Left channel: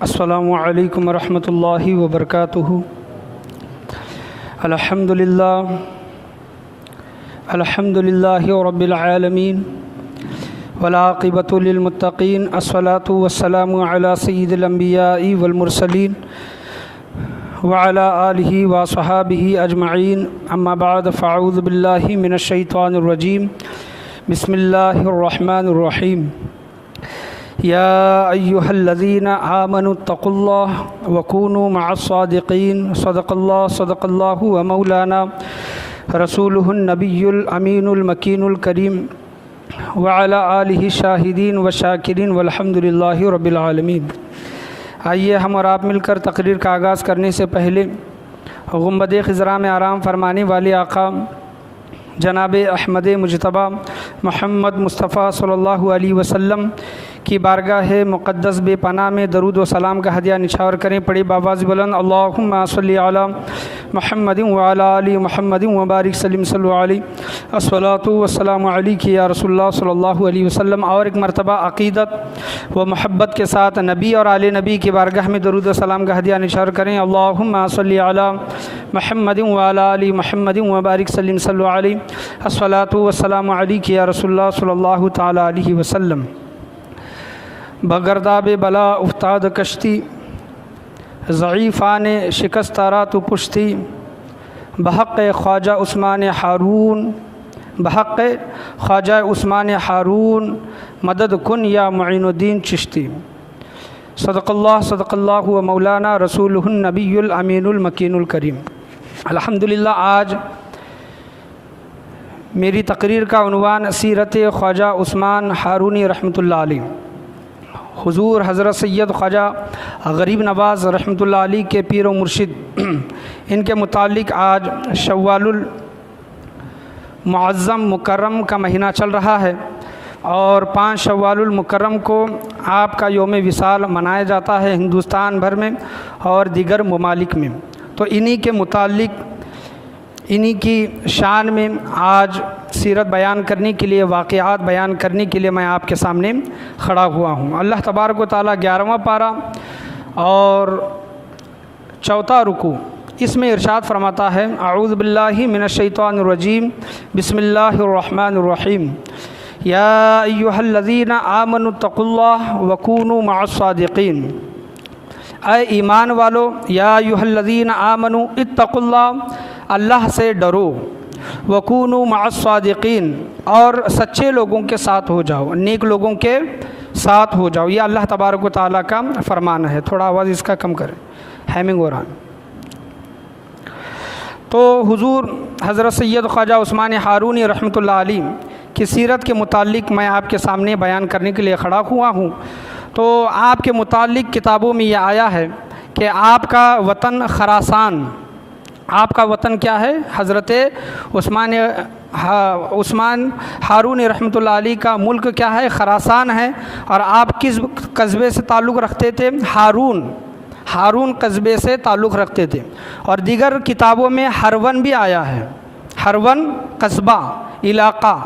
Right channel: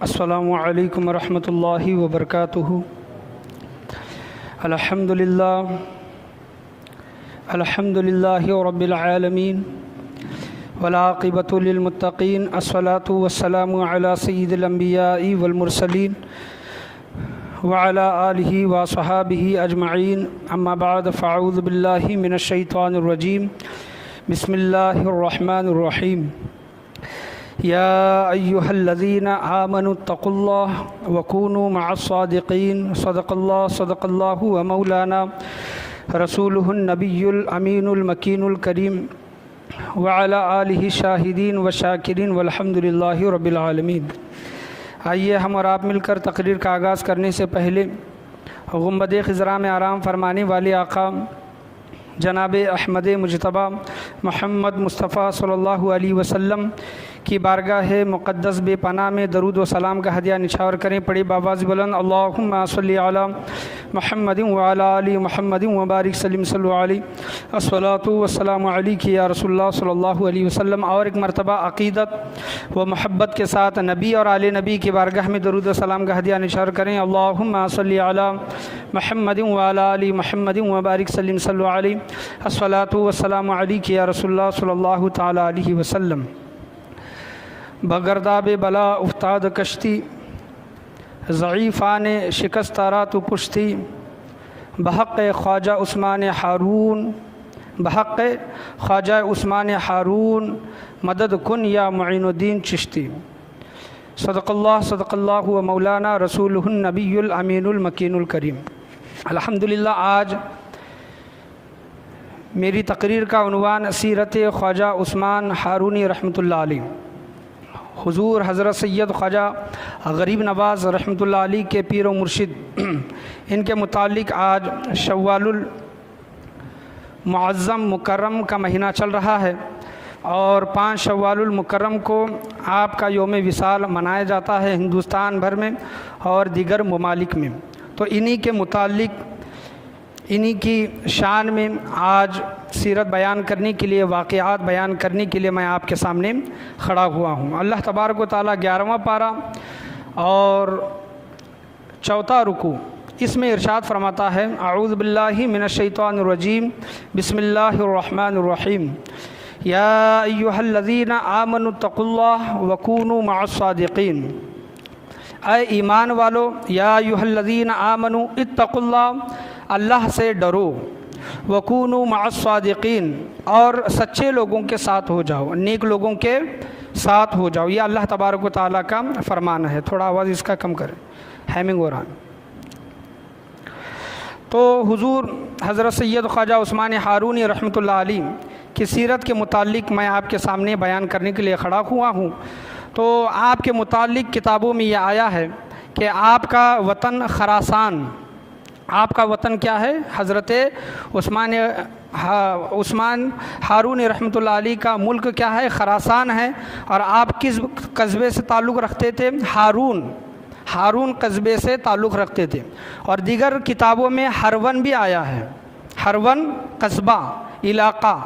السلام علیکم ورحمۃ اللہ وبرکاتہ۔ الحمدللہ رب العالمین والعاقبۃ للمتقین، الصلاۃ والسلام علی سید الانبیاء والمرسلین وعلی آلہ وصحابہ اجمعین، اما بعد فاعوذ باللہ من الشیطان الرجیم، بسم اللہ الرحمن الرحیم۔ یا ایہا الذین آمنوا اتقوا اللہ وکونوا مع الصادقین، صدق اللہ و مولانا رسولہ النبی الامین المکین الکریم، وعلی آلہ الشاہدین والشاکرین والحمد للہ رب العالمین۔ آئیے ہم اور آپ مل کر تقریر کا آغاز کرنے سے پہلے گنبد خضرا میں آرام فرمانے والے آقا جناب احمد مجتبیٰ محمد مصطفیٰ صلی اللہ علیہ وسلم کی بارگاہ مقدس بے پناہ میں درود و سلام کا ہدیہ نچھاور کریں۔ پڑھی بآواز بلند، اللہم صلی علی محمد وعلی آل محمد وبارک سلم صلی علیہ، الصلاۃ والسلام علیک یا رسول اللہ صلی اللہ علیہ وسلم۔ اور ایک مرتبہ عقیدت و محبت کے ساتھ نبی اور آل نبی کی بارگاہ میں درود و سلام کا ہدیہ نچھاور کریں۔ اللہم صلی علی محمد وعلی آل محمد وبارک سلم صلی علیہ، الصلاۃ والسلام علیک یا رسول اللہ صلی اللہ تعالی علیہ وسلم۔ بگرداب بلا افتاد کشتی، ضعیفان شکست را تو پشتی، بحق خواجہ عثمان ہارون، بحق خواجہ عثمان ہارون مدد کن یا معین الدین چشتی۔ صدق اللہ و مولانا رسولہ النبی الامین المکین الکریم۔ الحمدللہ آج میری تقریر کا عنوان سیرت خواجہ عثمان ہارونی رحمۃ اللہ علیہ، حضور حضرت سید خواجہ غریب نواز رحمۃ اللہ علیہ کے پیر و مرشد، ان کے متعلق آج شوال المعظم مکرم کا مہینہ چل رہا ہے اور 5 شوال المکرم کو آپ کا یوم وصال منایا جاتا ہے ہندوستان بھر میں اور دیگر ممالک میں۔ تو انہی کے متعلق انہی کی شان میں آج سیرت بیان کرنے کے لیے، واقعات بیان کرنے کے لیے میں آپ کے سامنے کھڑا ہوا ہوں۔ اللہ تبارک و تعالیٰ 11واں پارہ اور 4واں رکوع، اس میں ارشاد فرماتا ہے، اعوذ باللہ من الشیطان الرجیم، بسم اللہ الرحمن الرحیم۔ یا ایہا الذین آمنوا اتقوا اللہ وکونوا مع الصادقین۔ اے ایمان والو، یا ایہا الذین آمنوا اتقوا اللہ، اللہ سے ڈرو، وکونوا مع الصادقین، اور سچے لوگوں کے ساتھ ہو جاؤ، نیک لوگوں کے ساتھ ہو جاؤ۔ یہ اللہ تبارک و تعالیٰ کا فرمان ہے۔ تھوڑا آواز اس کا کم کریں، ہیمنگ ہو رہا ہے۔ تو حضور حضرت سید خواجہ عثمان ہارونی رحمۃ اللہ علیہ کی سیرت کے متعلق میں آپ کے سامنے بیان کرنے کے لیے کھڑا ہوا ہوں۔ تو آپ کے متعلق کتابوں میں یہ آیا ہے کہ آپ کا وطن خراسان، آپ کا وطن کیا ہے؟ حضرت عثمان ہارون رحمۃ اللہ علیہ کا ملک کیا ہے؟ خراسان ہے۔ اور آپ کس قصبے سے تعلق رکھتے تھے؟ ہارون قصبے سے تعلق رکھتے تھے۔ اور دیگر کتابوں میں ہرون بھی آیا ہے، ہرون قصبہ، علاقہ،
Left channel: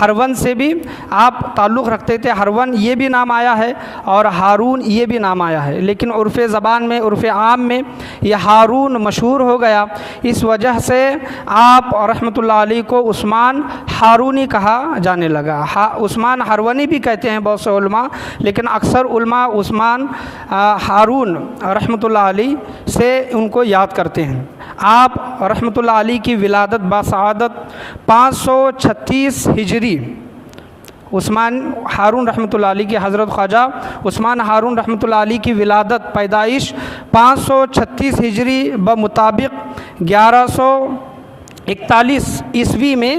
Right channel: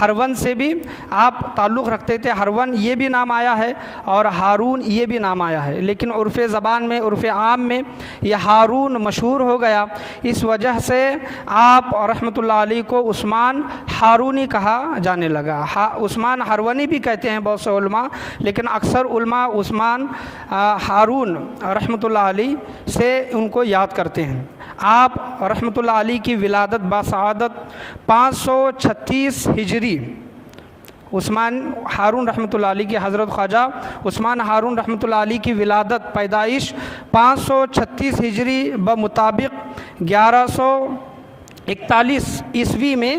ہرون سے بھی آپ تعلق رکھتے تھے، ہرون یہ بھی نام آیا ہے اور ہارون یہ بھی نام آیا ہے۔ لیکن عرف زبان میں، عرف عام میں یہ ہارون مشہور ہو گیا، اس وجہ سے آپ رحمۃ اللہ علیہ کو عثمان ہارونی کہا جانے لگا۔ عثمان ہرونی بھی کہتے ہیں بہت سے علماء، لیکن اکثر علماء عثمان ہارون رحمۃ اللہ علیہ سے ان کو یاد کرتے ہیں۔ آپ رحمۃ اللہ علیہ کی ولادت باسعادت 536 ہجری، عثمان ہارون رحمۃ اللہ علیہ کی، حضرت خواجہ عثمان ہارون رحمۃ اللہ علیہ کی ولادت پیدائش 536 ہجری بمطابق 1141 عیسوی میں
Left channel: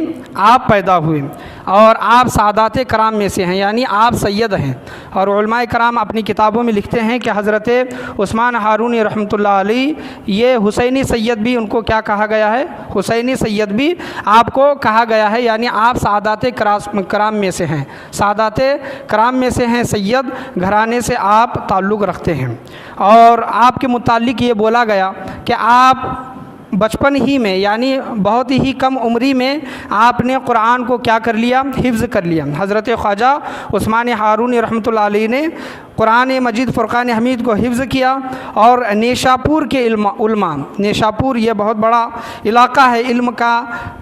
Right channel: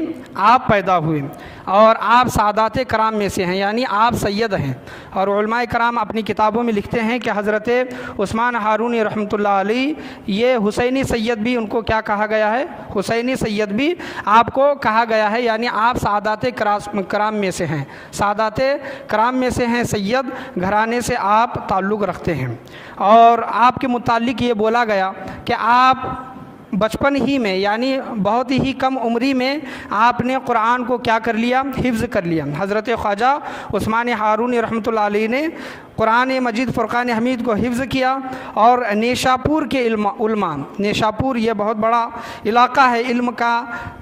آپ پیدا ہوئے، اور آپ سعادات کرام میں سے ہیں، یعنی آپ سید ہیں۔ اور علماء کرام اپنی کتابوں میں لکھتے ہیں کہ حضرت عثمان ہارونی رحمۃ اللہ علیہ یہ حسینی سید بھی ان کو کیا کہا گیا ہے؟ حسینی سید بھی آپ کو کہا گیا ہے، یعنی آپ سعادات کرام میں سے ہیں، سعادات کرام میں سے ہیں، سید گھرانے سے آپ تعلق رکھتے ہیں۔ اور آپ کے متعلق یہ بولا گیا کہ آپ بچپن ہی میں، یعنی بہت ہی کم عمری میں آپ نے قرآن کو کیا کر لیا؟ حفظ کر لیا۔ حضرت خواجہ عثمان ہارونی رحمۃ اللہ علیہ نے قرآن مجید فرقان حمید کو حفظ کیا، اور نیشاپور کے علماء، نیشاپور یہ بہت بڑا علاقہ ہے، علم کا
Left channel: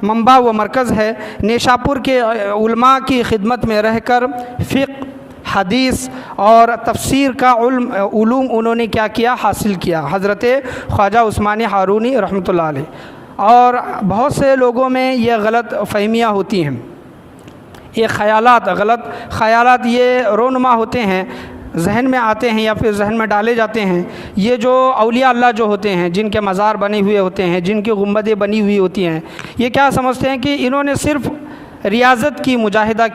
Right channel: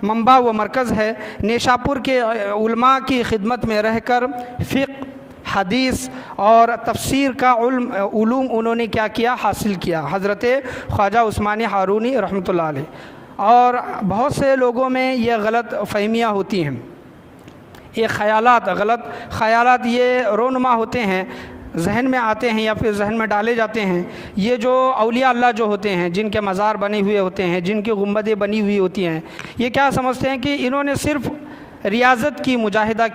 منبع و مرکز ہے، نیشاپور کے علماء کی خدمت میں رہ کر فقہ، حدیث اور تفسیر کا علوم انہوں نے کیا کیا، حاصل کیا، حضرت خواجہ عثمانی ہارونی رحمۃ اللہ علیہ۔ اور بہت سے لوگوں میں یہ غلط فہمیاں ہوتی ہیں، یہ غلط خیالات یہ رونما ہوتے ہیں، ذہن میں آتے ہیں یا پھر ذہن میں ڈالے جاتے ہیں۔ یہ جو اولیاء اللہ جو ہوتے ہیں، جن کے مزار بنے ہوئے ہوتے ہیں، جن کی گنبدیں بنی ہوئی ہوتی ہیں، یہ کیا سمجھتے ہیں کہ انہوں نے صرف ریاضت کی مجاہدہ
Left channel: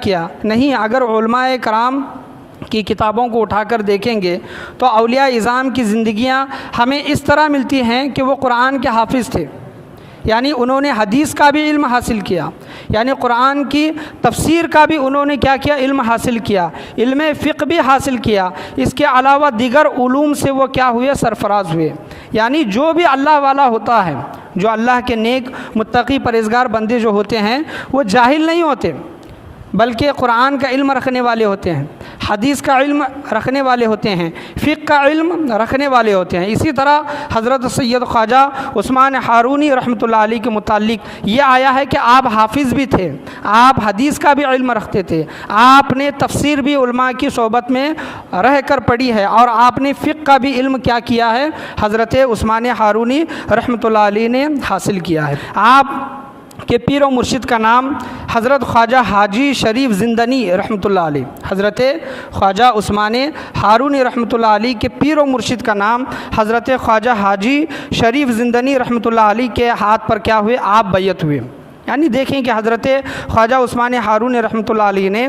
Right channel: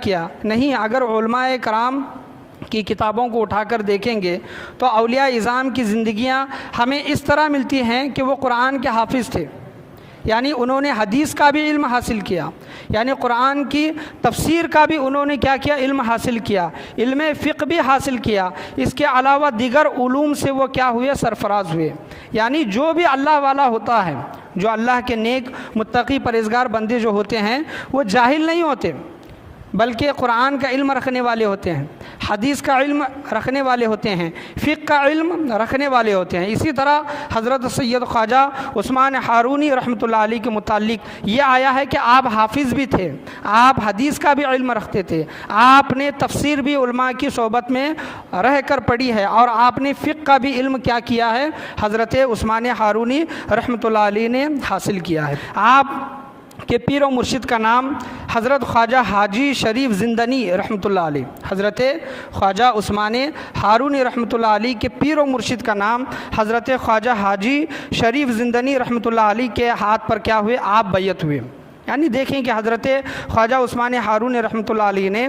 کیا، نہیں، اگر علماء کرام کی کتابوں کو اٹھا کر دیکھیں گے تو اولیاء اعظام کی زندگیاں ہمیں اس طرح ملتی ہیں کہ وہ قرآن کے حافظ تھے، یعنی انہوں نے حدیث کا بھی علم حاصل کیا، یعنی قرآن کی تفسیر کا بھی انہوں نے کیا کیا، علم حاصل کیا، علم فقہ بھی حاصل کیا، اس کے علاوہ دیگر علوم سے وہ کیا ہوئے، سرفراز ہوئے۔ یعنی جو بھی اللہ والا ہوتا ہے، جو اللہ کے نیک متقی پرہیزگار بندے جو ہوتے ہیں، وہ جاہل نہیں ہوتے، بلکہ قرآن کا علم رکھنے والے ہوتے ہیں، حدیث کا علم رکھنے والے ہوتے ہیں، فقہ کا علم رکھنے والے ہوتے ہیں۔ اسی طرح حضرت سید خواجہ عثمان ہارونی رحمۃ اللہ علیہ کے متعلق یہ آیا ہے کہ آپ حافظ بھی تھے، آپ حدیث کا بھی علم رکھتے تھے، آپ نے تفسیر بھی علماء کی صحبت میں رہ کر پڑھی ہے، اور آپ نے فقہ کا بھی علم کیا کیا ہے، حضرت عثمان ہارونی رحمۃ اللہ علیہ نے حاصل کیا ہے۔ آپ کہ پیر و مرشد کا نام حضرت خواجہ حاجی شریف زندنی رحمۃ اللہ علیہ، حضرت خواجہ عثمان ہارونی رحمۃ اللہ علیہ کے پیر و مرشد کا نام حضرت خواجہ حاجی شریف زندنی رحمۃ اللہ علیہ کے ہاتھ پر کیا ہوئے، آپ بیعت ہوئے۔ یعنی دیکھیں کہ حضرت خواجہ عثمان ہارونی رحمۃ اللہ علیہ نے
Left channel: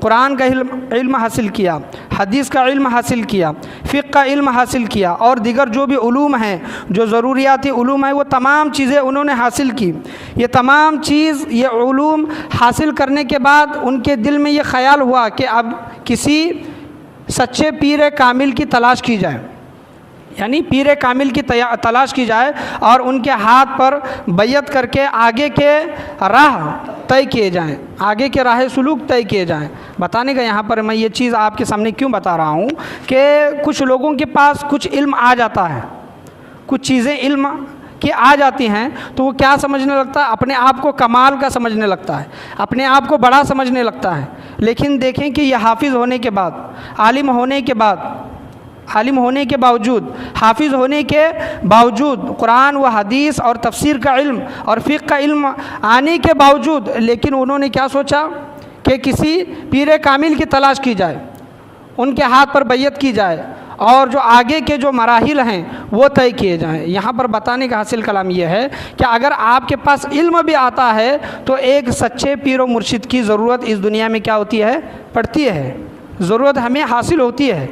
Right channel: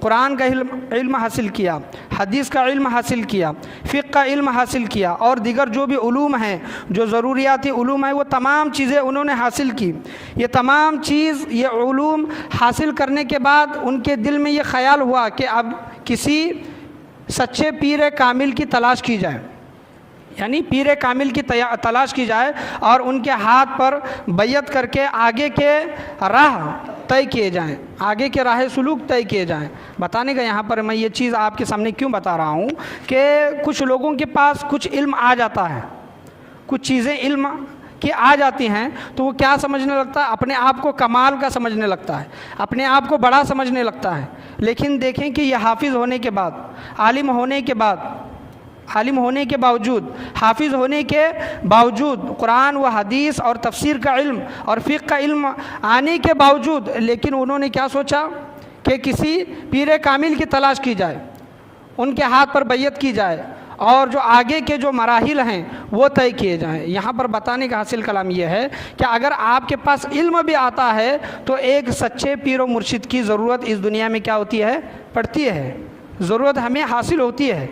قرآن کا علم حاصل کیا، حدیث کا علم حاصل کیا، فقہ کا علم حاصل کیا، اور دیگر جو بھی علوم ہیں، جو ضروریاتی علوم ہیں، وہ تمام چیزیں انہوں نے حاصل کی۔ یہ تمام چیز، یہ علوم حاصل کرنے کے بعد ان کے دل میں یہ خیال ہوا کہ اب کسی سچے پیر کامل کی تلاش کی جائے، یعنی پیر کامل کی تلاش کی جائے، اور ان کے ہاتھ پر بیعت کر کے آگے کے راہ طے کیے جائیں، آگے کے راہ سلوک طے کیے جائیں۔ بتانے کا یہاں پر میں یہ چیز آپ کے سامنے کیوں بتا رہا ہوں کہ کچھ لوگوں کے پاس کچھ علم آ جاتا ہے، کچھ چیزیں علم کی آ جاتی ہیں، تو وہ کیا سمجھنے لگتا ہے، اپنے آپ کو کمال کا سمجھنے لگتا ہے، اپنے آپ کو بڑا سمجھنے لگتا ہے۔ لیکن دیکھیں کہ یہ حافظ ہونے کے بعد، عالم ہونے کے باوجود، حافظ ہونے کے باوجود، قرآن و حدیث اور تفسیر کا علم اور فقہ کا علم آنے کے باوجود، لیکن انہوں نے کیا سوچا کہ کسی پیر کامل کی تلاش کی جائے، ان کے ہاتھ پر بیعت کی جائے، اور جو آگے کے جو مراحل ہیں وہ طے کیے جائیں۔ یہاں پر بتانے کا حاصل کلام یہ ہے کہ اگر آپ کے پاس علم بھی آتا ہے تو ایک سچے پیر و مرشد کی ضرورت اس دنیا میں کیا ہوتی ہے، پڑتی ہے، ضرورت ہمیں حاصل ہوتی ہے،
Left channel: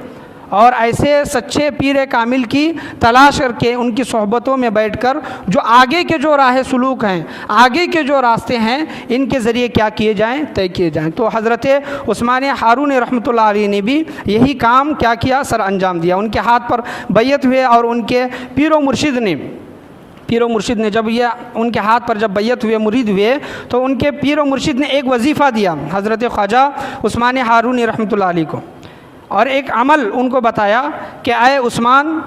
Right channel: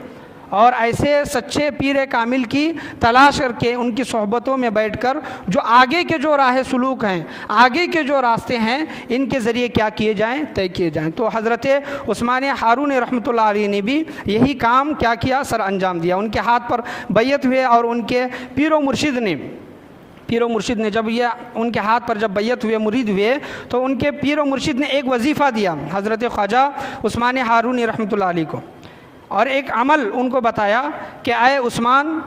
اور ایسے سچے پیر کامل کی تلاش کر کے ان کی صحبتوں میں بیٹھ کر جو آگے کے جو راہ سلوک ہیں، آگے کے جو راستے ہیں، ان کے ذریعے کیا کیے جائیں، طے کیے جائیں۔ تو حضرت عثمان ہارونی رحمۃ اللہ علیہ نے بھی یہی کام کیا کیا، سر انجام دیا۔ ان کے ہاتھ پر بیعت ہوئے، اور ان کے پیر و مرشد نے جب یہ ان کے ہاتھ پر جب بیعت ہوئے، مرید ہوئے، تو ان کے پیر و مرشد نے ایک وظیفہ دیا حضرت خواجہ عثمان ہارونی رحمۃ اللہ علیہ کو، اور ایک عمل ان کو بتایا کہ اے عثمان،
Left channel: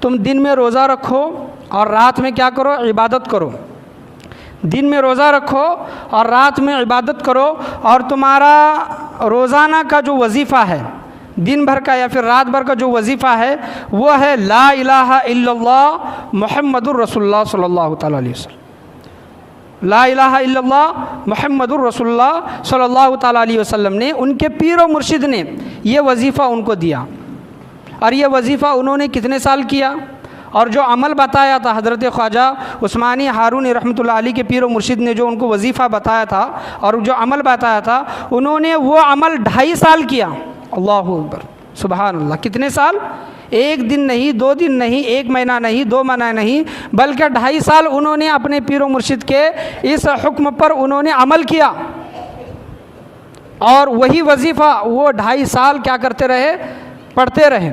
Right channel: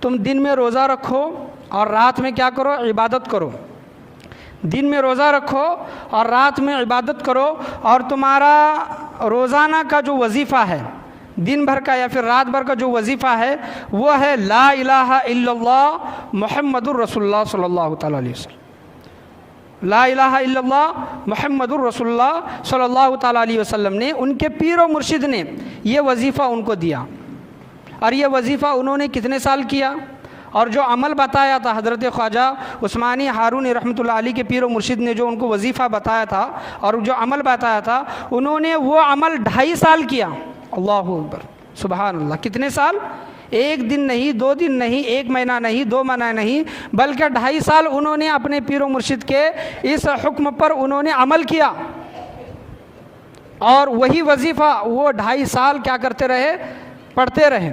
تم دن میں روزہ رکھو اور رات میں کیا کرو، عبادت کرو۔ دن میں روزہ رکھو اور رات میں عبادت کرو، اور تمہارا روزانہ کا جو وظیفہ ہے، دن بھر کا یا پھر رات بھر کا جو وظیفہ ہے، وہ ہے لا الہ الا اللہ محمد الرسول اللہ صلی اللہ تعالیٰ علیہ وسلم۔ لا الہ الا اللہ محمد الرسول اللہ صلی اللہ تعالیٰ علیہ وسلم نے، ان کے پیر و مرشد نے یہ وظیفہ ان کو دیا، اور یہ وظیفہ انہوں نے کتنے سال کیا، اور جو عمل بتایا تھا حضرت خواجہ عثمانی ہارونی رحمۃ اللہ علیہ کے پیر و مرشد نے، جو ان کو وظیفہ بتایا تھا اور جو عمل بتایا تھا، انہوں نے وہ عمل 2.5 سال کیا۔ اللہ اکبر، سبحان اللہ، کتنے سال؟ 1 دن نہیں، 2 دن نہیں، 1 مہینہ نہیں، 2 مہینہ نہیں، بلکہ 2.5 سال انہوں نے اپنے پیر و مرشد کے اس حکم پر انہوں نے عمل کیا، اور وہی وظیفہ وہ 2.5 سال کیا کرتے رہے، پڑھتے رہے۔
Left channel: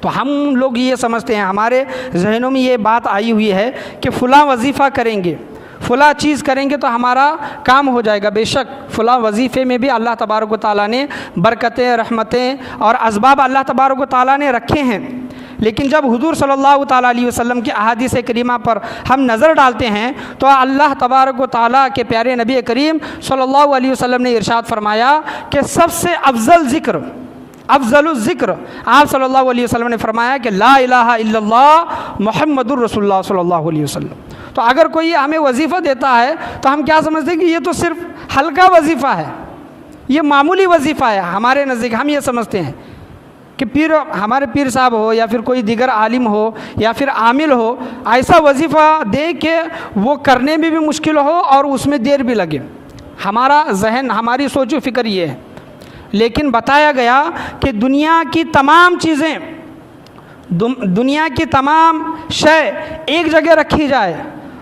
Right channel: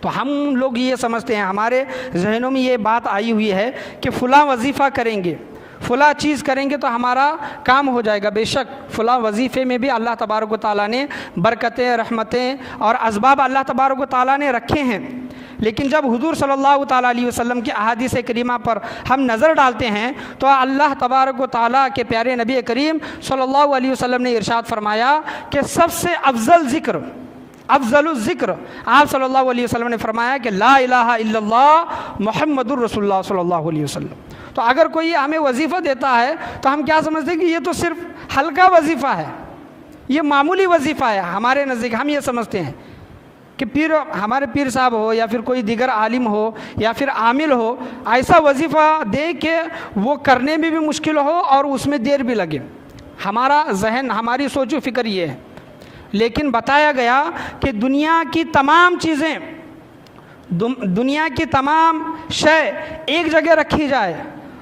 تو ہم لوگ یہ سمجھتے ہیں، ہمارے ذہنوں میں یہ بات آئی ہوئی ہے کہ فلاں وظیفہ کریں گے، فلاں چیز کریں گے تو ہمارا کام ہو جائے گا. بے شک فلاں وظیفے میں بھی اللہ تبارک و تعالیٰ نے برکتیں، رحمتیں اور اسباب اللہ تبارک و تعالیٰ نے رکھے ہیں. لیکن جب حضور صلی اللہ تعالیٰ علیہ وسلم کی احادیث کریمہ پر ہم نظر ڈالتے ہیں تو اللہ تبارک و تعالیٰ کے پیارے نبی کریم صلی اللہ علیہ وسلم نے ارشاد فرمایا کہ سب سے افضل ذکر، افضل الذکر، آپ صلی اللہ علیہ وسلم نے فرمایا کہ لا الہ الا اللہ محمد الرسول اللہ صلی اللہ علیہ وسلم. تو اگر کوئی ہمیں وظیفہ دیتا ہے تو ہم کیا سمجھتے ہیں کہ یہ تو صرف ہلکا وظیفہ ہے، یہ معمولی وظیفہ ہے. ہمارے نزدیک ہم یہ سمجھتے ہیں کہ ہمارے پیر صاحب ہو یا پھر کوئی دیگر عالم ہو یا پھر عامل ہو، ایسا وظیفہ دے کہ وہ کرنے میں بھی مشکل ہو اور اس میں دیر بھی لگے. ہمارا ذہن، ہماری سوچ و فکر یہ ہے. لیکن بتایا گیا کہ دنیا کی تمام چیزیں، دنیا کی تمام شے ایک جگہ رکھی جائے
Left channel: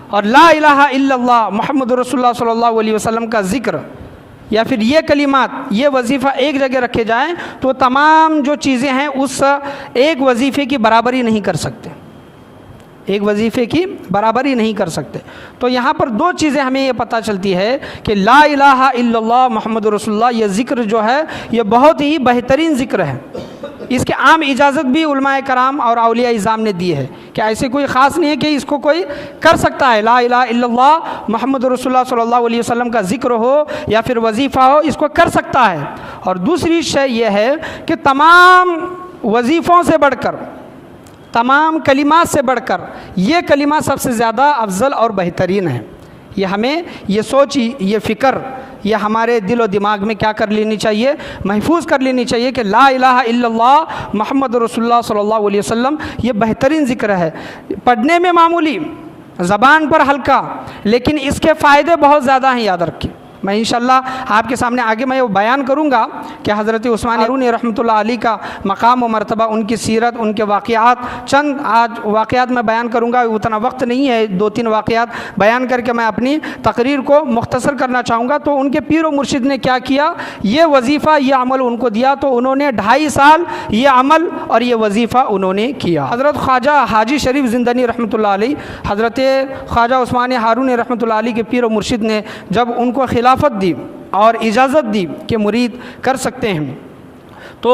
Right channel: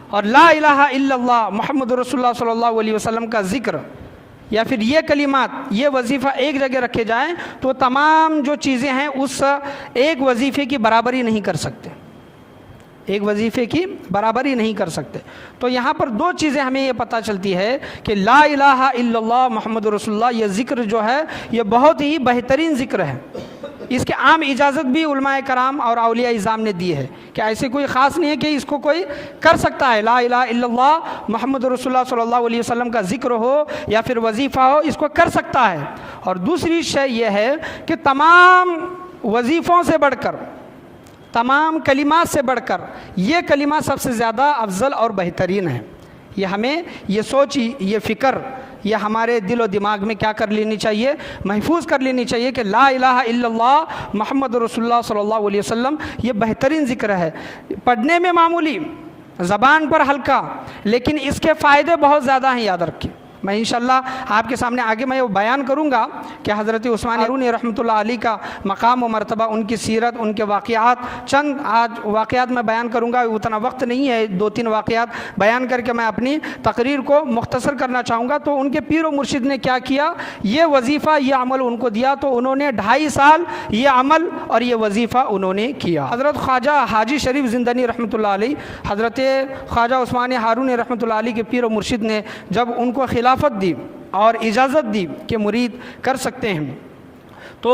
اور لا الہ الا اللہ محمد رسول اللہ صلی اللہ علیہ وسلم کا ذکر یا پھر یہ کلمات، یہ وظیفہ ایک جگہ رکھے جائیں تو تمام جو چیزیں ہیں اس ایک وظیفے کی برابری نہیں کر سکتے، ایک وظیفے کی برابری نہیں کر سکتے. تو یہاں پر دو چیزیں ہمیں یہ پتہ چلتی ہے کہ لا الہ الا اللہ محمد رسول اللہ، یہ ذکر جو ہے یہ بہت ہی بہترین ذکر ہے. اس کے عام اجازت بھی علماء کرام اور اولیاء اعظام نے دی ہے کہ ایسے کوئی خاص نہیں ہے کہ اس کو کوئی کر سکتا ہے. لا الہ الا اللہ محمد رسول اللہ صلی اللہ علیہ وسلم کا ذکر ہو یا پھر وظیفہ ہو، اس کو کر سکتا ہے. اور دوسری شے یہ ہے کہ تمام وظیفوں سے بڑھ کر، تمام کلمات سے بڑھ کر یہ کلمہ سب سے زیادہ افضل اور بہترین ہے. یہ ہمیں یہ سوچ، یہ فکر، یہ ہمارے دل و دماغ میں کیا کر لینی چاہیے، محفوظ کر لینی چاہیے کہ لا الہ الا اللہ محمد رسول اللہ صلی اللہ علیہ وسلم یہ بہترین ذکر ہے. پڑھنے میں معمولی، زبان پر ہلکا، لیکن اس کے فائدے بہت زیادہ ہیں. یاد رکھیں، میں انشاءاللہ آپ کے سامنے آگے میں بیان کروں گا کہ حضرت عثمان ہارونی رحمۃ اللہ علیہ کا مقام و مرتبہ، ان کی سیرت، ان کے واقعات، چند آج واقعات میں بیان کروں گا. اتنا وقت نہیں ہے، 2-3 واقعات بیان کر کے میں اپنی تقریر کو مختصر کرنا چاہوں گا. تو ان کے پیر و مرشد نے کیا کیا، یہ وظیفہ، یہ عمل ان کو دیا تو انہوں نے 2.5 سال یہ عمل اور یہ وظیفہ انہوں نے کیا. حضرت خواجہ حاجی شریف زندانی رحمۃ اللہ علیہ، حضرت خواجہ عثمان ہارونی رحمۃ اللہ علیہ کے پیر و مرشد نے جب ان کو خلافت دی اور اجازت دی کہ مرید کر سکتے ہیں تو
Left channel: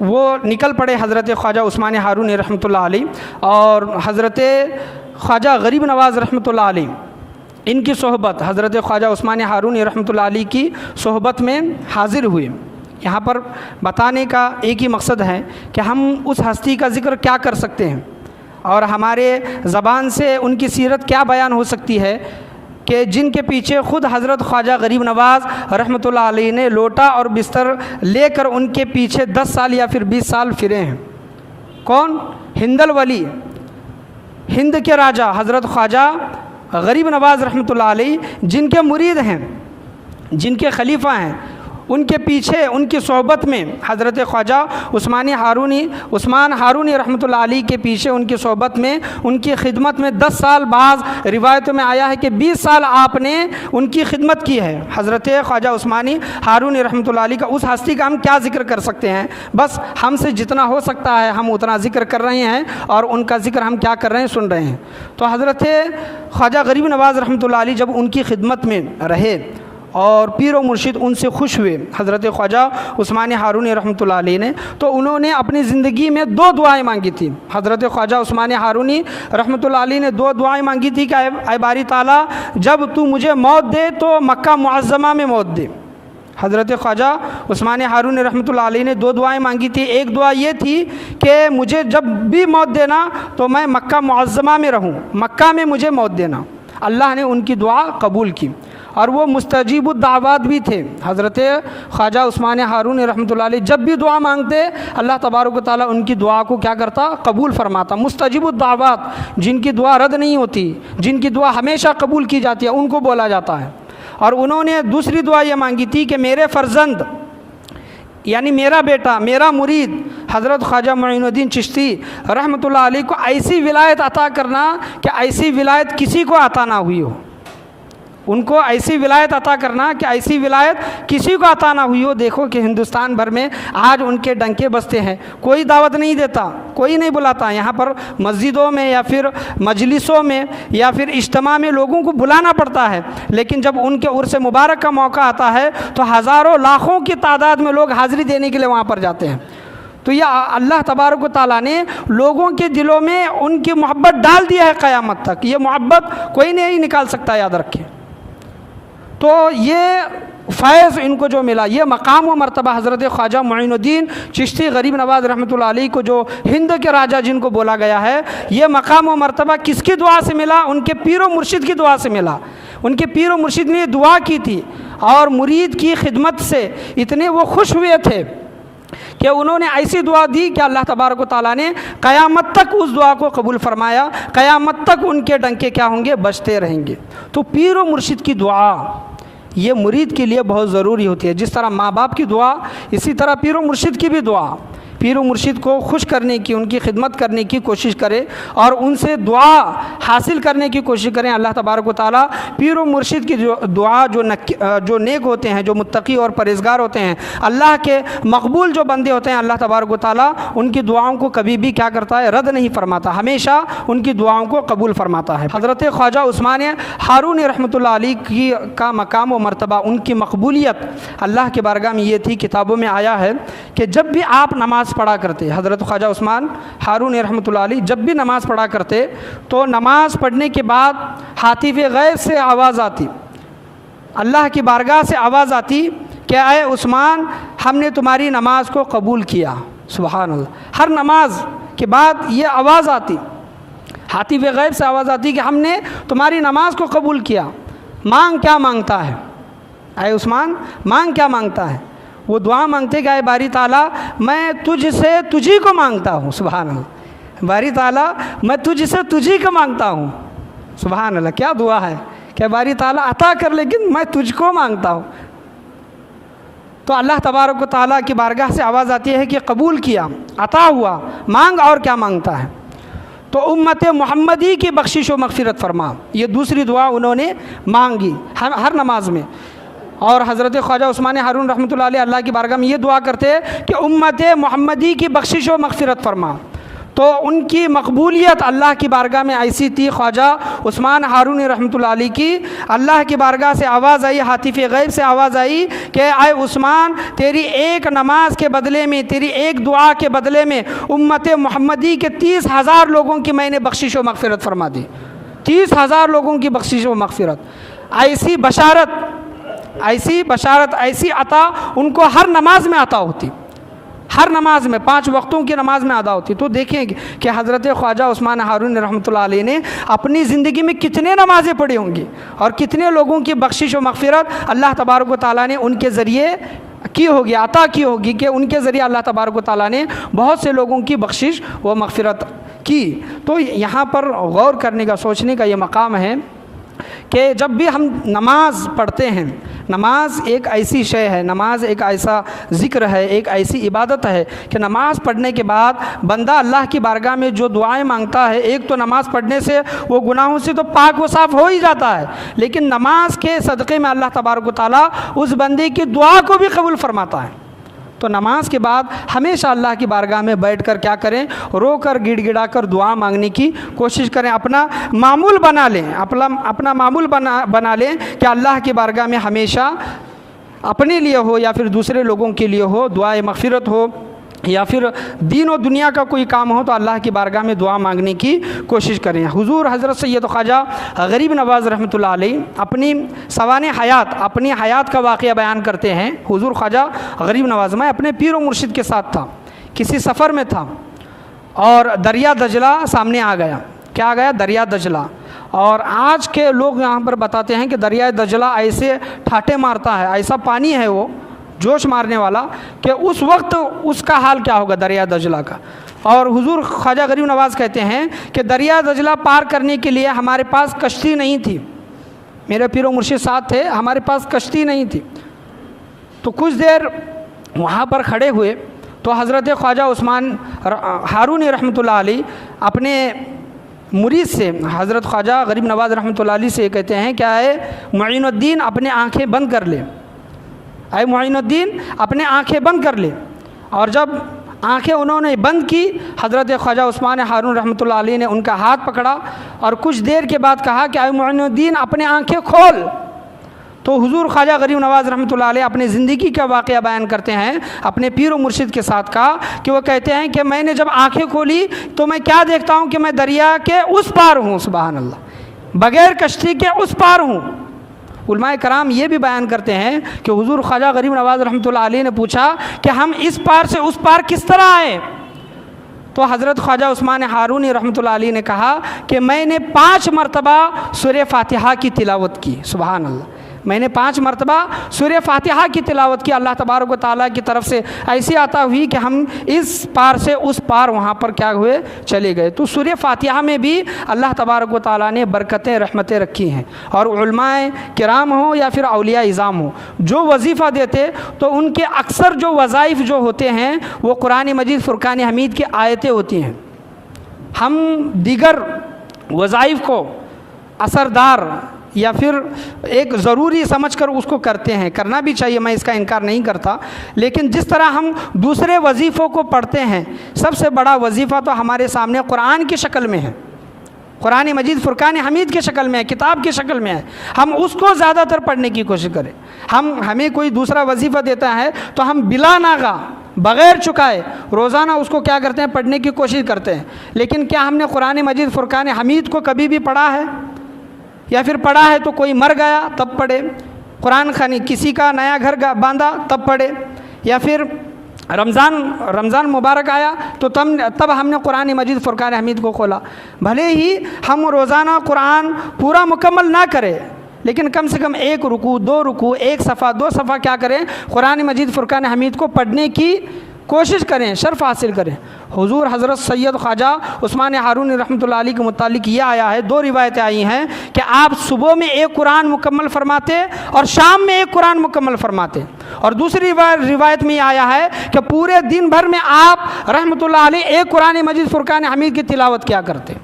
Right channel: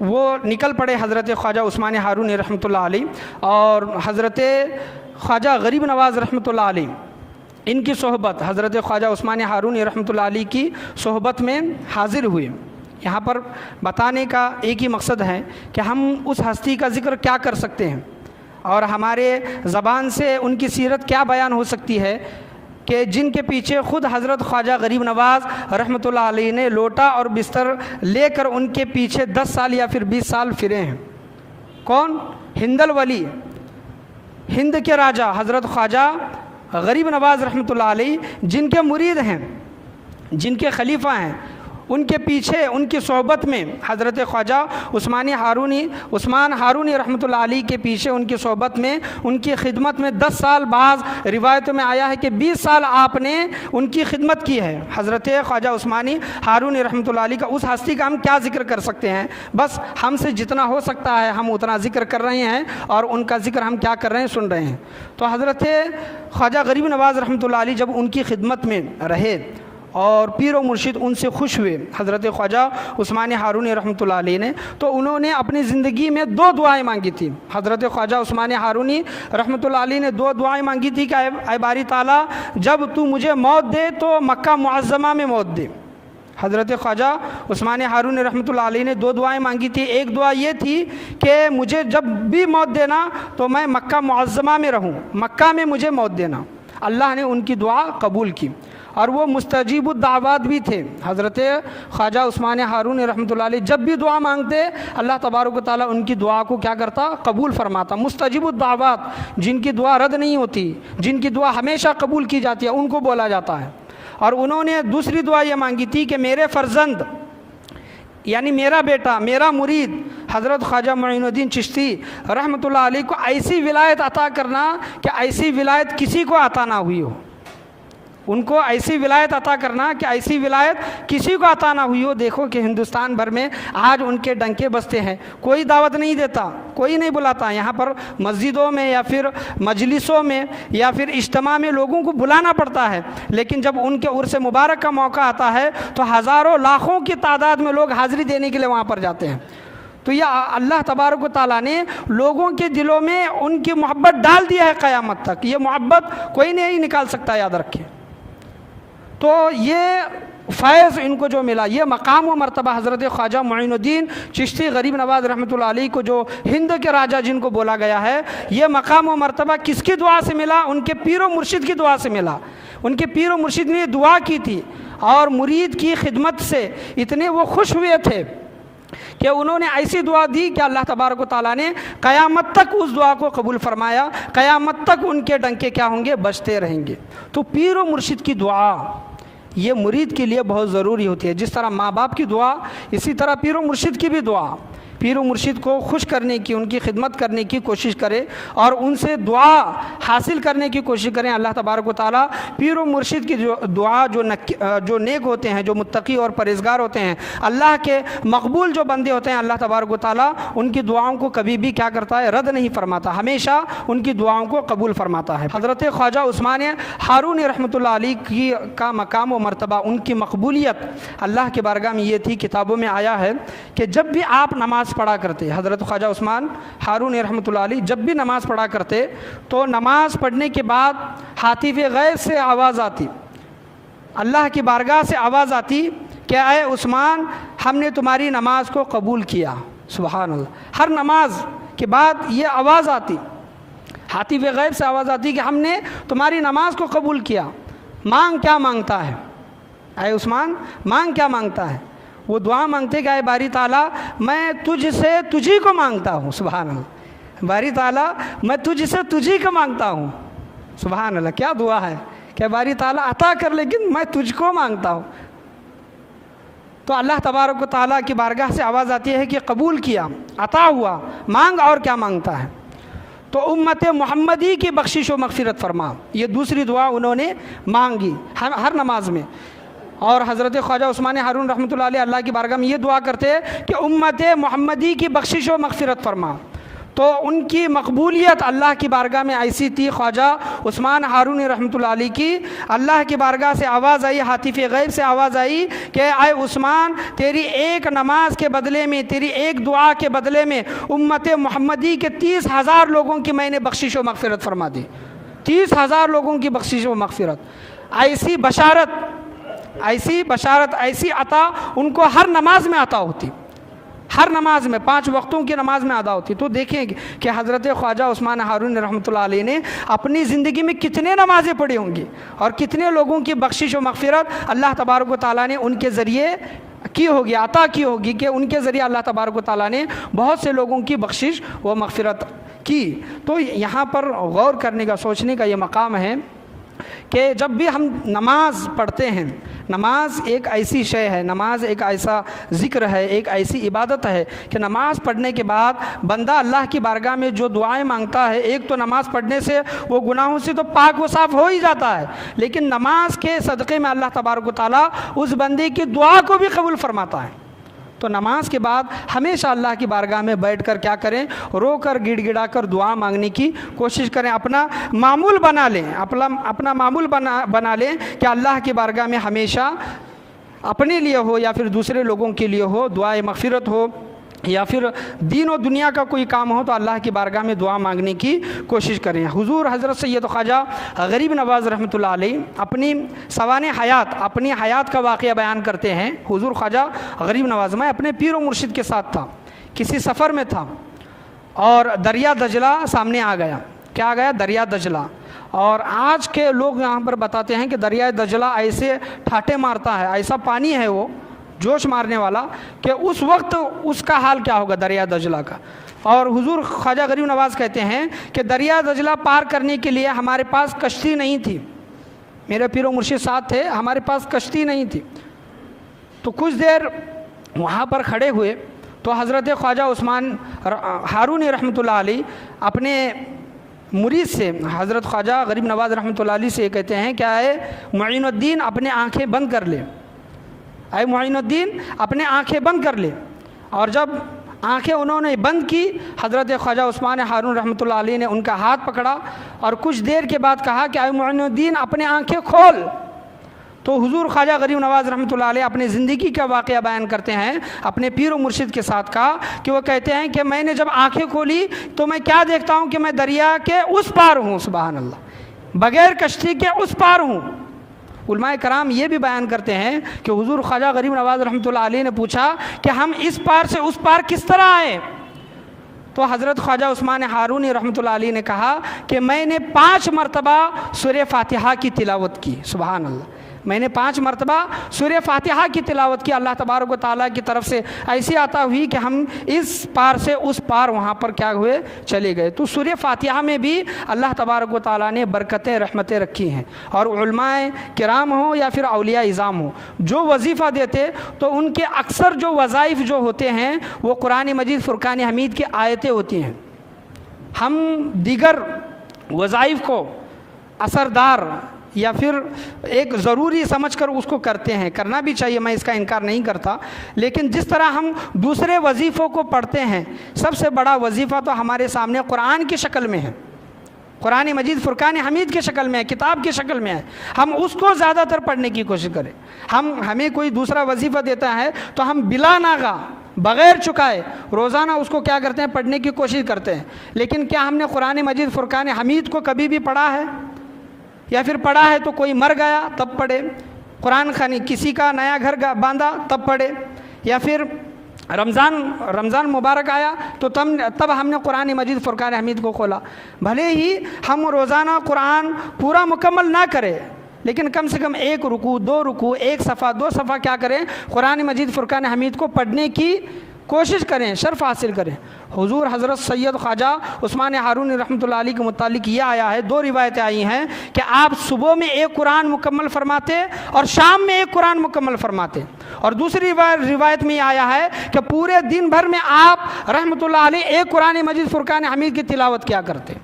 وہ نکل پڑے حضرت خواجہ عثمان ہارونی رحمۃ اللہ علیہ اور حضرت خواجہ غریب نواز رحمۃ اللہ علیہ، ان کی صحبت، حضرت خواجہ عثمان ہارونی رحمۃ اللہ علیہ کی صحبت میں حاضر ہوئے. یہاں پر بتانے کا ایک ہی مقصد ہے کہ ہم اس ہستی کا ذکر کیا کر سکتے ہیں اور ہمارے زبان سے ان کی سیرت کیا بیان ہو سکتی ہے کہ جن کے پیچھے خود حضرت خواجہ غریب نواز رحمۃ اللہ علیہ نے لوٹا اور بستر لے کر ان کے پیچھے 10 سال یا پھر 20 سال پھرے ہیں. کون؟ ہندل ولی، ہند کے راجہ حضرت خواجہ غریب نواز رحمۃ اللہ علیہ، جن کے مرید ہیں، جن کے خلیفہ ہیں، ان کے پیچھے، ان کی صحبت میں حضرت خواجہ عثمان ہارونی رحمۃ اللہ علیہ کے پیچھے، ان کی صحبت میں، ان کی خدمت میں 10 سال، بعض روایتوں میں آیا ہے کہ 20 سال آپ نے ان کی خدمت کی ہے. حضرت خواجہ عثمان ہارونی رحمۃ اللہ علیہ کا اس ہستی کا ہم کیا ذکر کر سکتے ہیں؟ بس ہم سے جتنا ہو سکتا ہے ہم اتنا ذکر کر رہے ہیں اور ان کا ذکر ہم کیا کر رہے ہیں، سن رہے ہیں. تو حضرت خواجہ غریب نواز رحمۃ اللہ علیہ جب ان کی خدمت میں رہے اور پیر و مرشد ان سے خوش ہوئے حضرت خواجہ عثمان ہارونی رحمۃ اللہ علیہ نے، تو انہوں نے اپنی زندگی میں 2 دعائیں مانگی تھی. حضرت خواجہ عثمان ہارونی رحمۃ اللہ علیہ نے 2 دعائیں مانگی تھی کہ اے باری تعالیٰ، جب تو مجھے موت دے تو مکہ معظمہ میں موت دے. حضرت خواجہ عثمان ہارونی رحمۃ اللہ علیہ نے 2 دعائیں مانگی تھی. ایک دعا یہ تھی کہ مجھے جب بھی موت دینا تو میں مکہ معظمہ میں رہوں، مکہ میں مجھے موت دینا. اللہ نے ان کی دعا قبول کی اور وہ مستجیب الدعوات بھی تھے. حضرت خواجہ عثمان ہارونی رحمۃ اللہ علیہ جب بھی دعا مانگتے اللہ تبارک و تعالیٰ ان کی دعا کو کیا کرتا؟ قبول فرماتا. مستجیب الدعوات، جن کی دعا رد نہیں ہوتی، جن کی دعا ہمیشہ قبول کی جاتی ہے، ان کو بولا جاتا ہے. اور انہوں نے دوسری دعا یہ مانگی تھی کہ میرے فرزند، یعنی میرا بیٹا، میرا مرید حضرت خواجہ معین الدین چشتی رحمۃ اللہ علیہ کو ایسی ولایت عطا کرنا کہ ایسی ولایت کسی کو عطا نہ ہوئی ہو. ان کو ایسی ولایت عطا کرنا کہ ایسی ولایت کسی کو عطا نہ ہوئی ہو۔ دیکھو کہ ہندوستان بھر میں آج ان کے ڈنکے بجتے ہیں، کوئی دعوت نہیں دیتا، کوئی نہیں بلاتا۔ یہاں پر مسجدوں میں یا پھر مجلسوں میں یا پھر اجتماع میں لوگوں کو بلانا پڑتا ہے، لیکن جب ان کے عرس مبارک کا موقع آتا ہے تو ہزاروں لاکھوں کی تعداد میں لوگ حاضری دینے کے لیے وہاں پر جاتے ہیں۔ تو یہ اللہ تبارک و تعالیٰ نے لوگوں کے دلوں میں ان کی محبت ڈال دیا ہے قیامت تک، یہ محبت کوئی نہیں نکال سکتا، یاد رکھیں۔ تو یہ فیض ان کو جو ملا، یہ مقام و مرتبہ حضرت خواجہ معین الدین چشتی غریب نواز رحمۃ اللہ علیہ کو، جو ہند کے راجہ جن کو بولا گیا ہے، یہ مقام و مرتبہ کس کی دعا سے ملا؟ ان کے پیر و مرشد کی دعا سے ملا۔ ان کے پیر و مرشد نے دعا کی تھی اور مرید کی خدمت سے اتنے وہ خوش ہوئے تھے کہ انہوں نے ایسی دعا دی کہ اللہ تبارک و تعالیٰ نے قیامت تک اس دعا کو قبول فرمایا، قیامت تک ان کے ڈنکے کیا ہوں گے؟ بجتے رہیں گے۔ تو پیر و مرشد کی دعا یہ مرید کے لیے بہت ضروری ہوتی ہے۔ جس طرح ماں باپ کی دعا، اسی طرح پیر و مرشد کی بھی دعا۔ پیر و مرشد کو خوش کرنے کی، ان کی خدمت کرنے کی کوشش کرے اور ان سے دعا حاصل کرنے کی کوشش کریں۔ اللہ تبارک و تعالیٰ پیر و مرشد کی دعا جو نیک ہوتے ہیں، جو متقی اور پرہیزگار ہوتے ہیں، اللہ کے مقبول جو بندے ہوتے ہیں، اللہ تبارک و تعالیٰ ان کی دعاؤں کو کبھی بھی کیا کرتا ہے؟ رد نہیں فرماتا، ہمیشہ ان کی دعاؤں کو قبول فرماتا ہے۔ حضرت خواجہ عثمان ہارون رحمۃ اللہ علیہ کا مقام و مرتبہ، ان کی مقبولیت اللہ کی بارگاہ میں یہ تھی، کتابوں میں آیا ہے کہ جب بھی آپ نماز پڑھا کرتے، حضرت خواجہ عثمان ہارون رحمۃ اللہ علیہ جب بھی نماز پڑھا کرتے تو نماز پڑھنے کے بعد ہاتف غیب سے آواز آتی، اللہ کی بارگاہ سے آواز آتی کہ اے عثمان، ہم نے تمہاری نماز کو قبول کیا۔ سبحان اللہ، ہر نماز کے بعد یہ آواز آتی، ہاتف غیب سے آواز آتی کہ ہم نے تمہاری نماز کو قبول کیا، مانگ کیا مانگتا ہے؟ اے عثمان مانگ کیا مانگتا ہے؟ وہ دعا مانگتے کہ اے باری تعالیٰ، میں تجھ سے تجھی کو مانگتا ہوں۔ سبحان اللہ، باری تعالیٰ میں تجھ سے تجھی کو مانگتا ہوں۔ سبحان اللہ، کیا دعا ہے کہ باری تعالیٰ عطا کر، لیکن میں تجھ کو مانگتا ہوں۔ تو اللہ تبارک و تعالیٰ کی بارگاہ سے آواز آتی ہے کہ قبول کیا، عطا ہوا، مانگ اور کیا مانگتا ہے؟ تو امت محمدی کی بخشش و مغفرت فرما، یہ دوسری دعا انہوں نے مانگی ہر نماز میں۔ اور حضرت خواجہ عثمان ہارون رحمۃ اللہ علیہ اللہ کی بارگاہ میں یہ دعا کرتے کہ امت محمدی کی بخشش و مغفرت فرما۔ تو ان کی مقبولیت اللہ کی بارگاہ میں ایسی تھی، خواجہ عثمان ہارون رحمۃ اللہ علیہ کی اللہ کی بارگاہ سے آواز آئی، ہاتف غیب سے آواز آئی کہ اے عثمان، تیری ایک نماز کے بدلے میں، تیری ایک دعا کے بدلے میں امت محمدی کے 30,000 لوگوں کی میں نے بخشش و مغفرت فرما دی۔ 30,000 لوگوں کی بخشش و مغفرت، ایسی بشارت، ایسی عطا ان کو ہر نماز میں عطا ہوتی، ہر نماز میں، 5 وقتوں کی نماز میں ادا ہوتی۔ تو دیکھیں کہ حضرت خواجہ عثمان ہارون رحمۃ اللہ علیہ نے اپنی زندگی میں کتنے نمازیں پڑھی ہوں گی اور کتنے لوگوں کی بخشش و مغفرت اللہ تبارک و تعالیٰ نے ان کے ذریعے کی ہوگی، عطا کی ہوگی، کہ ان کے ذریعے اللہ تبارک و تعالیٰ نے بہت سے لوگوں کی بخشش و مغفرت کی۔ تو یہاں پر غور کرنے کا، سوچنے کا یہ مقام ہے کہ جب بھی ہم نماز پڑھتے ہیں، نماز ایک ایسی شے ہے، نماز ایک ایسا ذکر ہے، ایک ایسی عبادت ہے کہ نماز پڑھنے کے بعد بندہ اللہ کی بارگاہ میں جو دعائیں مانگتا ہے، ایک تو نماز پڑھنے سے وہ گناہوں سے تو پاک و صاف ہو ہی جاتا ہے، لیکن نماز کے صدقے میں اللہ تبارک و تعالیٰ اس بندے کی دعا کو بھی قبول فرماتا ہے۔ تو نماز کے بعد ہمیشہ اللہ کی بارگاہ میں بیٹھ کر کیا کریں؟ رو کر، گڑ گڑا کر دعا مانگنے کی کوشش کریں، اپنا معمول بنا لیں، اپنا معمول بنا لیں کہ اللہ کی بارگاہ میں ہمیشہ اپنے لیے ہو یا پھر دوسرے لوگوں کے لیے ہو، دعائے مغفرت ہو یا پھر دین و دنیا کا کوئی کام ہو تو اللہ کی بارگاہ میں دعا مانگنے کی کوشش کریں۔ حضور حضرت سید خواجہ غریب نواز رحمۃ اللہ علیہ اپنی سوانح حیات، اپنی حیات کا واقعہ بیان کرتے ہیں۔ حضور خواجہ غریب نواز، میں اپنے پیر و مرشد کے ساتھ تھا، کسی سفر میں تھا اور دریا دجلہ سامنے آ گیا۔ کیا آ گیا؟ دریا دجلہ۔ اور آج کے لوگ یہاں پر بتاتے ہیں کہ دریا دجلہ ایسے ٹھاٹے مارتا ہے، ایسا پانی ہے وہ جوش مارنے والا کہ اس وقت اس کا حال کیا ہوگا دریا دجلہ کا۔ اور حضور خواجہ غریب نواز کہتے ہیں کہ دریا دجلہ پار کرنے کے لیے ہمارے پاس کشتی نہیں تھی، میرے پیر و مرشد ساتھ تھے، ہمارے پاس کشتی نہیں تھی۔ تو کچھ دیر وہاں پر کھڑے ہوئے تو حضرت خواجہ عثمان ہارون رحمۃ اللہ علیہ اپنے مرید سے حضرت خواجہ غریب نواز رحمۃ اللہ علیہ سے کہتے ہیں کیا ہے، معین الدین اپنے آنکھیں بند کر لے، اے معین الدین اپنے آنکھیں بند کر لے۔ اور جب آنکھیں انہوں نے بند کی، حضرت خواجہ عثمان ہارون رحمۃ اللہ علیہ نے ان کا ہاتھ پکڑا اور کچھ دیر کے بعد کہا کہ اے معین الدین اپنے آنکھیں کھول۔ تو حضور خواجہ غریب نواز رحمۃ اللہ علیہ اپنے زندگی کا واقعہ بیان کرتے ہیں اپنے پیر و مرشد کے ساتھ کا، کہ وہ کہتے ہیں کہ میں نے جب آنکھیں کھولی تو میں کیا دیکھتا ہوں کہ میں دریا کے اس پار ہوں، سبحان اللہ، بغیر کشتی کے اس پار ہوں۔ علماء کرام یہ بھی بیان کرتے ہیں کہ حضور خواجہ غریب نواز رحمۃ اللہ علیہ نے پوچھا کہ ہم اس پار سے اس پار کس طرح آئے؟ تو حضرت خواجہ عثمان ہارونی رحمۃ اللہ علیہ نے کہا کہ میں نے 5 مرتبہ سورہ فاتحہ کی تلاوت کی، سبحان اللہ، میں نے 5 مرتبہ سورہ فاتحہ کی تلاوت کی، اللہ تبارک و تعالیٰ کی طرف سے ایسی عطا ہوئی کہ ہم اس پار سے اس پار وہاں پر کیا ہوئے، چلے گئے۔ تو سورہ فاتحہ میں بھی اللہ تبارک و تعالیٰ نے برکتیں رحمتیں رکھی ہیں، اور علماء کرام ہوں یا پھر اولیاء اعظام ہوں جو وظیفہ دیتے تو ان کے اکثر جو وظائف جو ہوتے ہیں وہ قرآن مجید فرقان حمید کی آیتیں ہوتی ہیں۔ ہم دیگر وظائف کو اثردار یا پھر ایک ضروری سمجھ کر اس کو کرتے ہیں، کرنا بھی چاہیے، میں اس کا انکار نہیں کرتا، لیکن جس طرح ہم دوسرے وظیفوں کو پڑھتے ہیں، سب سے بڑا وظیفہ تو ہمارے سامنے قرآن کی شکل میں ہے، قرآن مجید فرقان حمید کی شکل میں ہے، کتاب کی شکل میں ہے، ہم اس کو زیادہ تر پڑھنے کی کوشش کریں۔ ہمیں کوئی دوسرا وظیفہ دیتا ہے تو ہم بلا ناغہ بغیر چکائے روزانہ اس کو کیا کرتے ہیں، پڑھنے کی کوشش کرتے ہیں، لیکن کیا ہم نے قرآن مجید فرقان حمید کو کبھی بھی پڑھا ہے؟ یا پھر پڑھا ہے تو کوئی مر گیا تب پڑھے، قرآن خوانی کسی کا نیا گھر باندھا تب پڑھے، یا پھر رمضان مبارک آیا تو تب ہم نے قرآن مجید فرقان حمید کو کھولا۔ بھلے ہی ہم روزانہ قرآن پورا مکمل نہ کریں، لیکن کم سے کم 1 رکوع 2 رکوع 1 صفحہ 2 صفحہ کیا کریں، قرآن مجید فرقان حمید کو پڑھنے کی کوشش کریں، شرف حاصل کریں۔ حضور حضرت سید خواجہ عثمان ہارونی رحمۃ اللہ علیہ کے متعلق یہ آیا ہے، 2 روایتیں آئی ہیں کہ آپ صبح میں 1 قرآن مکمل فرماتے اور شام میں 1 قرآن مکمل فرماتے، اور دوسری روایت میں یہ آیا ہے کہ پورے دن بھر میں آپ رحمۃ اللہ علیہ 1 قرآن مجید فرقان حمید کی تلاوت کیا کرتے۔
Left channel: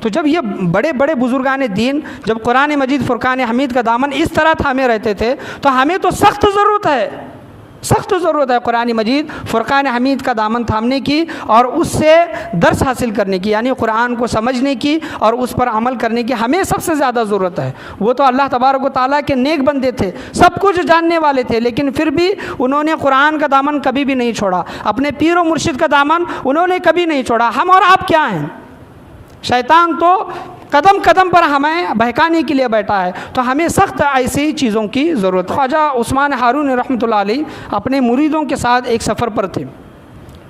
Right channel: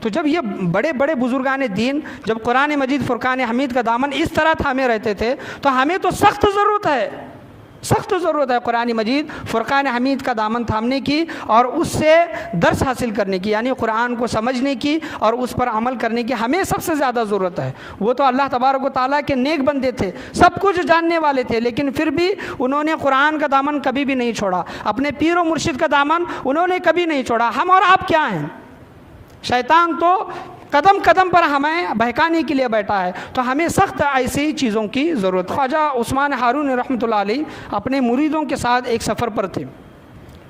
تو جب یہ بڑے بڑے بزرگان دین جب قرآن مجید فرقان حمید کا دامن اس طرح تھامے رہتے تھے تو ہمیں تو سخت ضرورت ہے قرآن مجید فرقان حمید کا دامن تھامنے کی اور اس سے درس حاصل کرنے کی، یعنی قرآن کو سمجھنے کی اور اس پر عمل کرنے کی ہمیں سب سے زیادہ ضرورت ہے۔ وہ تو اللہ تبارک و تعالیٰ کے نیک بندے تھے، سب کچھ جاننے والے تھے، لیکن پھر بھی انہوں نے قرآن کا دامن کبھی بھی نہیں چھوڑا، اپنے پیر و مرشد کا دامن انہوں نے کبھی نہیں چھوڑا۔ ہم اور آپ کیا ہیں؟ شیطان تو قدم قدم پر ہمیں بہکانے کے لیے بیٹھا ہے، تو ہمیں سخت ایسی چیزوں کی ضرورت۔ خواجہ عثمان ہارون رحمۃ اللہ علیہ اپنے مریدوں کے ساتھ ایک سفر پر تھے،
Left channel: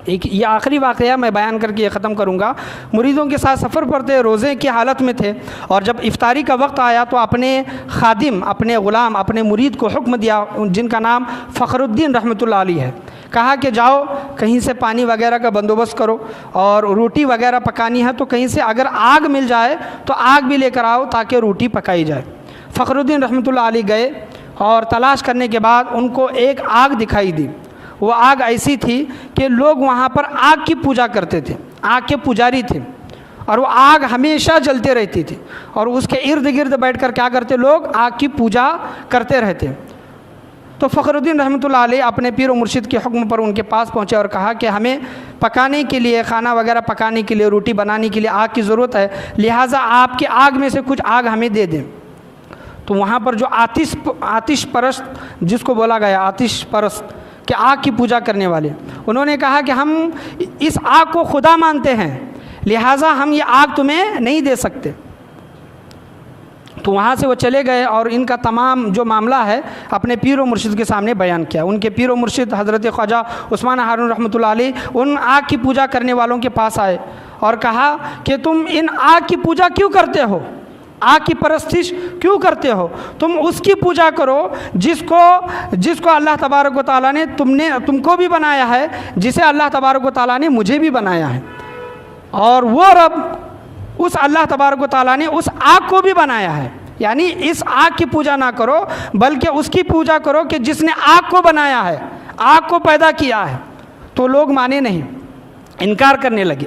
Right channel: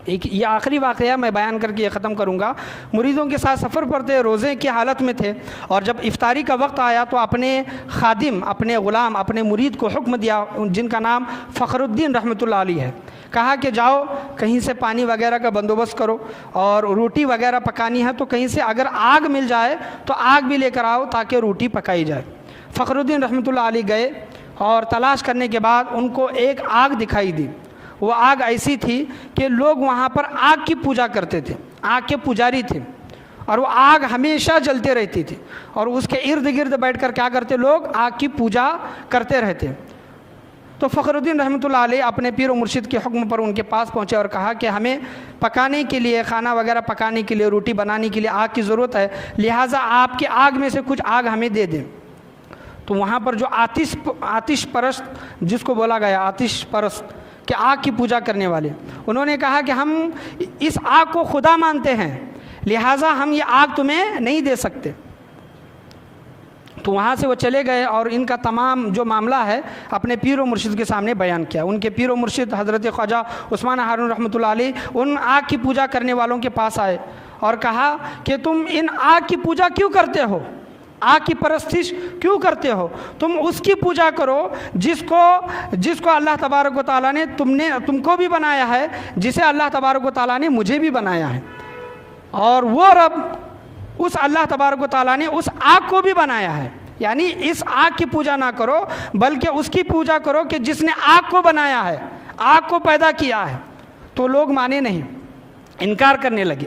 یہ آخری واقعہ میں بیان کر کے یہ ختم کروں گا۔ مریدوں کے ساتھ سفر پر تھے، روزے کی حالت میں تھے، اور جب افطاری کا وقت آیا تو اپنے خادم، اپنے غلام، اپنے مرید کو حکم دیا، جن کا نام فخر الدین رحمۃ اللہ علیہ ہے، کہا کہ جاؤ کہیں سے پانی وغیرہ کا بندوبست کرو، اور روٹی وغیرہ پکانی ہے تو کہیں سے اگر آگ مل جائے تو آگ بھی لے کر آؤ تاکہ روٹی پکائی جائے۔ فخر الدین رحمۃ اللہ علیہ گئے اور تلاش کرنے کے بعد ان کو ایک آگ دکھائی دی۔ وہ آگ ایسی تھی کہ لوگ وہاں پر آگ کی پوجا کرتے تھے، آگ کے پجاری تھے، اور وہ آگ ہمیشہ جلتے رہتی تھی، اور اس کے ارد گرد بیٹھ کر کیا کرتے لوگ، آگ کی پوجا کرتے رہتے۔ تو فخر الدین رحمۃ اللہ علیہ اپنے پیر و مرشد کے حکم پر ان کے پاس پہنچے اور کہا کہ ہمیں پکانے کے لیے، کھانا وغیرہ پکانے کے لیے، روٹی بنانے کے لیے آگ کی ضرورت ہے، لہٰذا آپ کی آگ میں سے کچھ آگ ہمیں دے دیں۔ تو وہاں پر جو آتش پرست، جس کو بولا گیا آتش پرست کہ آگ کی پوجا کرنے والے، انہوں نے کہا کہ ہم اس آگ کو خدا مانتے ہیں، لہٰذا ہم یہ آگ تمہیں نہیں دے سکتے۔ تو وہاں سے وہ چلے گئے اور ان کا تمام جو معاملہ ہے اپنے پیر و مرشد کے سامنے بیان کیا۔ ان کے پیر و مرشد حضرت خواجہ عثمان ہارون رحمۃ اللہ علیہ ان آگ کی پوجا کرنے والوں کے پاس آئے اور کہا کہ تم ان آگ کی پوجا کیوں کرتے ہو، آگ کی پرستش کیوں کرتے ہو؟ تم اس کی پوجا کرو جس کو اللہ تبارک و تعالیٰ نے تم کو بھی بنایا ہے، جسے اللہ تبارک و تعالیٰ نے مجھے بھی بنایا ہے، اور وہ رب اس اللہ تبارک و تعالیٰ نے اس آگ کو بھی بنایا ہے، یعنی اس آگ کی پوجا نہ کرو بلکہ اس کی پوجا کرو کہ جس نے آگ کو بنایا ہے، آگ کو پیدا کیا ہے۔ تو لوگ مانے نہیں، انکار کرنے لگے،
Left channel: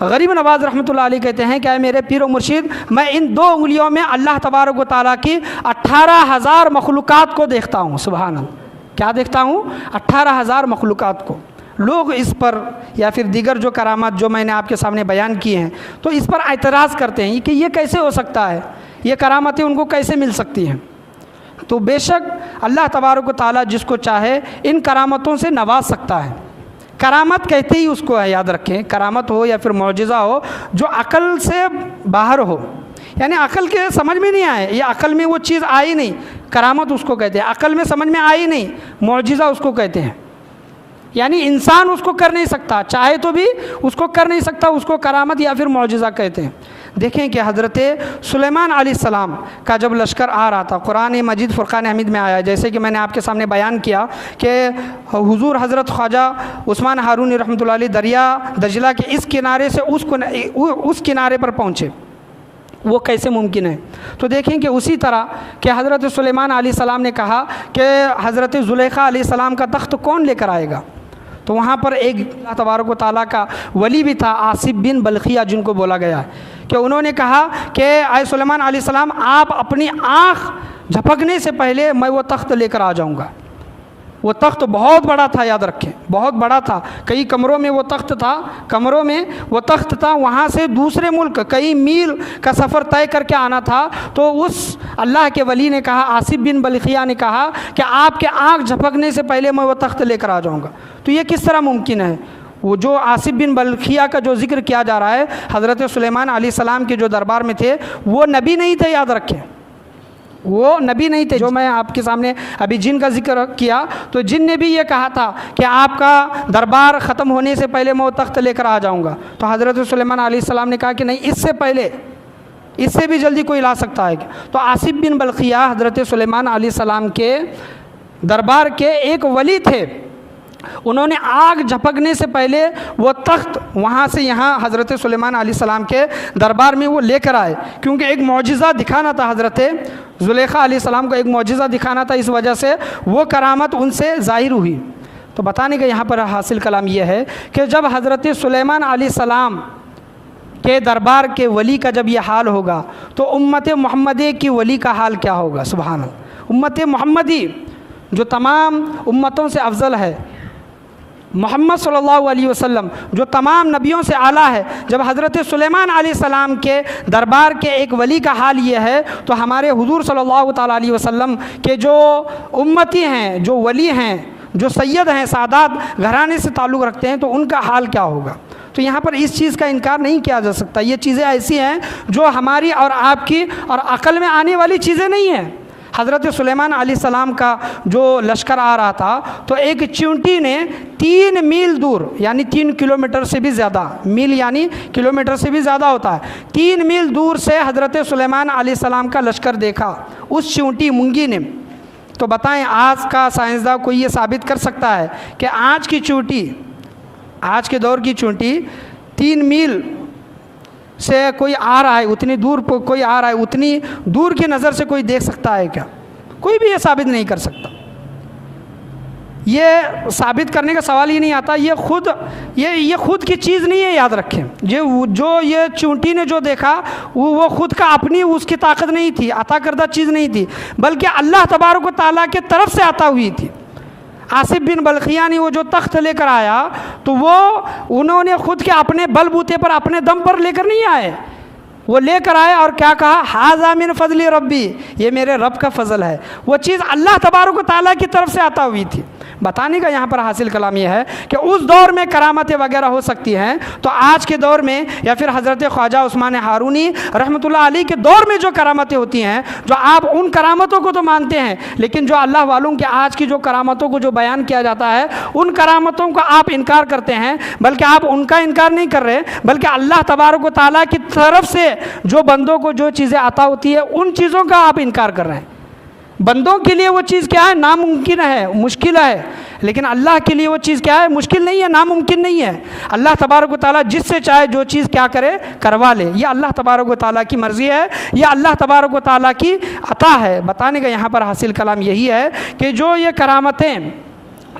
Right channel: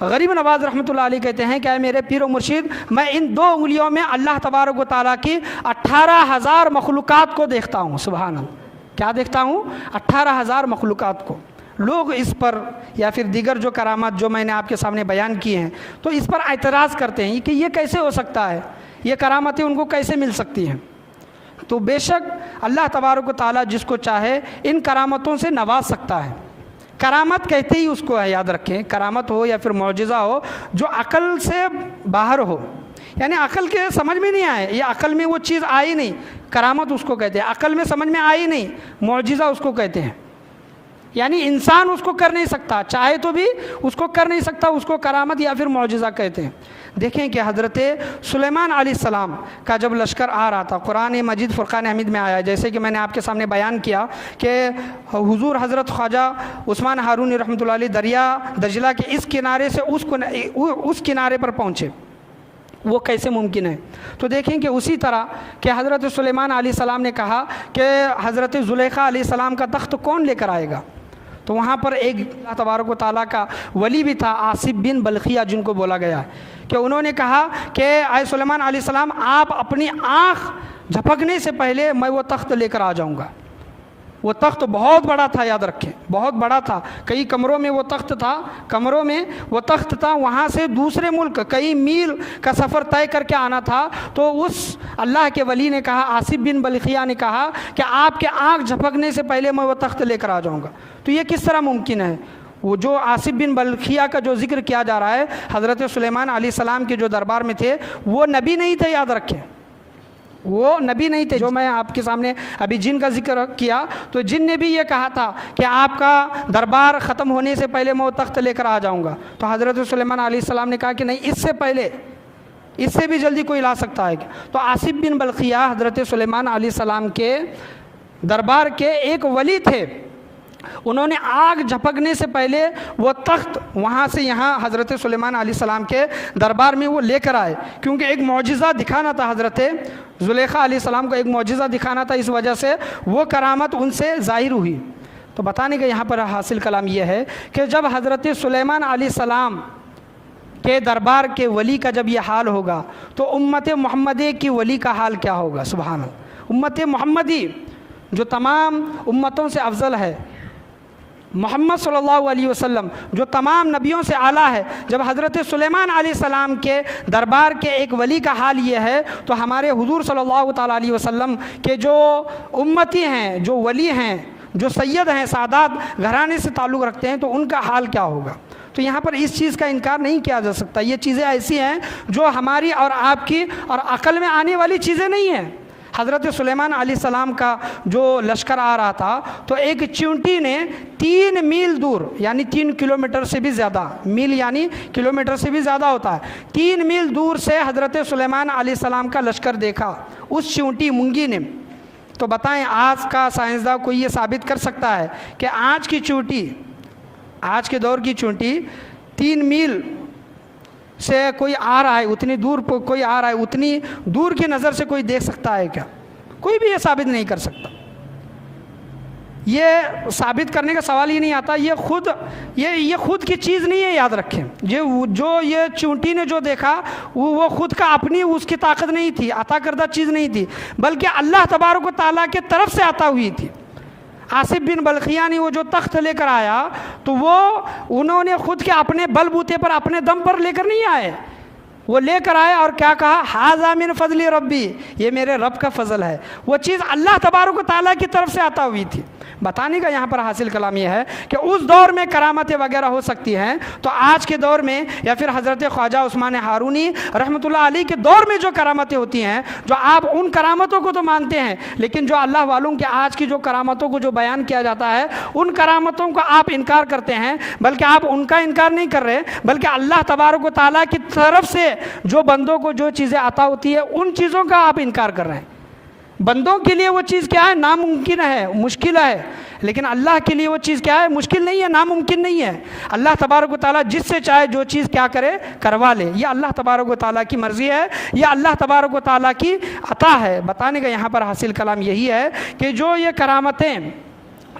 غریب نواز رحمۃ اللہ علیہ کہتے ہیں کہ اے میرے پیر و مرشد، میں ان 2 انگلیوں میں اللہ تبارک و تعالیٰ کی 18,000 مخلوقات کو دیکھتا ہوں۔ سبحان اللہ، کیا دیکھتا ہوں؟ 18,000 مخلوقات کو۔ لوگ اس پر یا پھر دیگر جو کرامات جو میں نے آپ کے سامنے بیان کیے ہیں تو اس پر اعتراض کرتے ہیں کہ یہ کیسے ہو سکتا ہے، یہ کرامتیں ان کو کیسے مل سکتی ہیں؟ تو بے شک اللہ تبارک و تعالیٰ جس کو چاہے ان کرامتوں سے نواز سکتا ہے۔ کرامت کہتے ہی اس کو ہے، یاد رکھیں، کرامت ہو یا پھر معجزہ ہو جو عقل سے باہر ہو، یعنی عقل کے سمجھ میں نہیں آئے، یہ عقل میں وہ چیز آئی نہیں، کرامت اس کو کہتے ہیں۔ عقل میں سمجھ میں آئی نہیں، معجزہ اس کو کہتے ہیں۔ یعنی انسان اس کو کر نہیں سکتا، چاہے تو بھی اس کو کر نہیں سکتا، اس کو کرامت یا پھر معجزہ کہتے ہیں۔ دیکھیں کہ حضرت سلیمان علیہ السلام کا جب لشکر آ رہا تھا، قرآن مجید فرقان حمید میں آیا، جیسے کہ میں نے آپ کے سامنے بیان کیا کہ حضور حضرت خواجہ عثمان ہارونی رحمۃ اللہ علیہ دریا دجلہ کے اس کنارے سے اس کنارے پر پہنچے، وہ کیسے ممکن ہے؟ تو دیکھیں کہ اسی طرح کہ حضرت سلیمان علیہ السلام نے کہا کہ حضرت زلیخا علیہ السلام کا تخت کون لے کر آئے گا؟ تو وہاں پر ایک اللہ تبارک و تعالیٰ کا ولی بھی تھا، آصف بن بلخیہ جن کو بولا گیا، کہ انہوں نے کہا کہ اے سلیمان علیہ السلام، آپ اپنی آنکھ جھپکنے سے پہلے میں وہ تخت لے کر آ جاؤں گا۔ وہ تخت بہت بڑا تھا، یاد رکھیں، بہت بڑا تھا، کئی کمروں میں وہ تخت تھا، وہاں سے دوسرے ملک کئی میل کا سفر طے کر کے آنا تھا۔ تو اس اللہ کے ولی نے کہا، آصف بن بلخیہ نے کہا کہ آپ کے آنکھ جھپکنے سے پہلے میں وہ تخت لے کر آ جاؤں گا۔ تو یہ کس طرح ممکن ہے؟ وہ جو آصف بن بلخیہ کا جو ذکر کیا جا رہا ہے، حضرت سلیمان علیہ السلام کے جو دربار میں تھے، وہ نبی نہیں تھے، یاد رکھیں، وہ نبی نہیں تھے۔ جو میں آپ کے سامنے ابھی جن کا ذکر کیا، تو جن نے بھی یہ کہا تھا کہ آپ کا دربار ختم ہونے سے پہلے میں وہ تخت لے کر آ جاؤں گا، تو حضرت سلیمان علیہ السلام نے کہا کہ نہیں، اس سے پہلے، اس سے بھی جلدی کوئی لا سکتا ہے۔ تو آصف بن بلخیہ حضرت سلیمان علیہ السلام کے دربار کے ایک ولی تھے، انہوں نے آگ جھپکنے سے پہلے وہ تخت وہاں سے یہاں حضرت سلیمان علیہ السلام کے دربار میں وہ لے کر آئے، کیونکہ ایک معجزہ دکھانا تھا، حضرت زلیخا علیہ السلام کو ایک معجزہ دکھانا تھا، اس وجہ سے وہ کرامت ان سے ظاہر ہوئی۔ تو بتانے کا یہاں پر حاصل کلام یہ ہے کہ جب حضرت سلیمان علیہ السلام کے دربار کے ولی کا جب یہ حال ہوگا تو امت محمدی کی ولی کا حال کیا ہوگا؟ سبحان اللہ، امت محمدی جو تمام امتوں سے افضل ہے، محمد صلی اللہ علیہ وسلم جو تمام نبیوں سے اعلیٰ ہے، جب حضرت سلیمان علیہ السلام کے دربار کے ایک ولی کا حال یہ ہے، تو ہمارے حضور صلی اللہ تعالیٰ علیہ وسلم کے جو امتی ہیں، جو ولی ہیں، جو سید ہیں، سادات گھرانے سے تعلق رکھتے ہیں، تو ان کا حال کیا ہوگا؟ تو یہاں پر اس چیز کا انکار نہیں کیا جا سکتا۔ یہ چیزیں ایسی ہیں جو ہماری اور آپ کی اور عقل میں آنے والی چیزیں نہیں ہیں۔ حضرت سلیمان علیہ السلام کا جو لشکر آ رہا تھا، تو ایک چیونٹی نے 3 میل دور، یعنی 3 کلومیٹر سے بھی زیادہ، میل یعنی کلومیٹر سے بھی زیادہ ہوتا ہے، 3 میل دور سے حضرت سلیمان علیہ السلام کا لشکر دیکھا اس چیونٹی مونگی نے۔ تو بتائیں، آج کا سائنسداں کوئی یہ ثابت کر سکتا ہے کہ آج کی چیونٹی، آج کے دور کی چیونٹی 3 میل سے کوئی آ رہا ہے، اتنی دور کوئی آ رہا ہے، اتنی دور کی نظر سے کوئی دیکھ سکتا ہے کیا؟ کوئی بھی یہ ثابت نہیں کر سکتا۔ یہ ثابت کرنے کا سوال ہی نہیں آتا، یہ خود کی چیز نہیں ہے، یاد رکھیں۔ یہ چونٹی نے جو دیکھا وہ خود کا اپنی اس کی طاقت نہیں تھی، عطا کردہ چیز نہیں تھی، بلکہ اللہ تبارک و تعالیٰ کی طرف سے عطا ہوئی تھی۔ آصف بن بلخیہ نے وہ جو تخت لے کر آیا، تو انہوں نے خود کے اپنے بل بوتے پر، اپنے دم پر لے کر نہیں آئے، وہ لے کر آئے اور کیا کہا؟ ھذا من فضل ربی، یہ میرے رب کا فضل ہے۔ وہ چیز اللہ تبارک و تعالیٰ کی طرف سے عطا ہوئی تھی۔ بتانے کا یہاں پر حاصل کلام یہ ہے کہ اس دور میں کرامتیں وغیرہ ہو سکتی ہیں، تو آج کے دور میں یا پھر حضرت خواجہ عثمان ہارونی رحمۃ اللہ علیہ کے دور میں جو کرامتیں ہوتی ہیں، جو آپ ان کرامتوں کو تو مانتے ہیں، لیکن جو اللہ والوں کے آج کی جو کرامتوں کو جو بیان کیا جاتا ہے، ان کرامتوں کو آپ انکار کرتے ہیں، بلکہ آپ ان کا انکار نہیں کر رہے، بلکہ اللہ تبارک و تعالیٰ کی طرف سے جو بندوں کو جو چیزیں عطا ہوتی ہے، ان چیزوں کا آپ انکار کر رہے ہیں۔ بندوں کے لیے وہ چیز کیا ہے؟ ناممکن ہے، مشکل ہے، لیکن اللہ کے لیے وہ چیز کیا ہے؟ مشکل نہیں ہے، ناممکن نہیں ہے۔ اللہ تبارک و تعالیٰ جس سے چاہے جو چیز کیا کرے؟ کروا لے۔ یہ اللہ تبارک و تعالیٰ کی مرضی ہے، یہ اللہ تبارک و تعالیٰ کی عطا ہے۔ بتانے کا یہاں پر حاصل کلام یہی ہے کہ جو یہ کرامتیں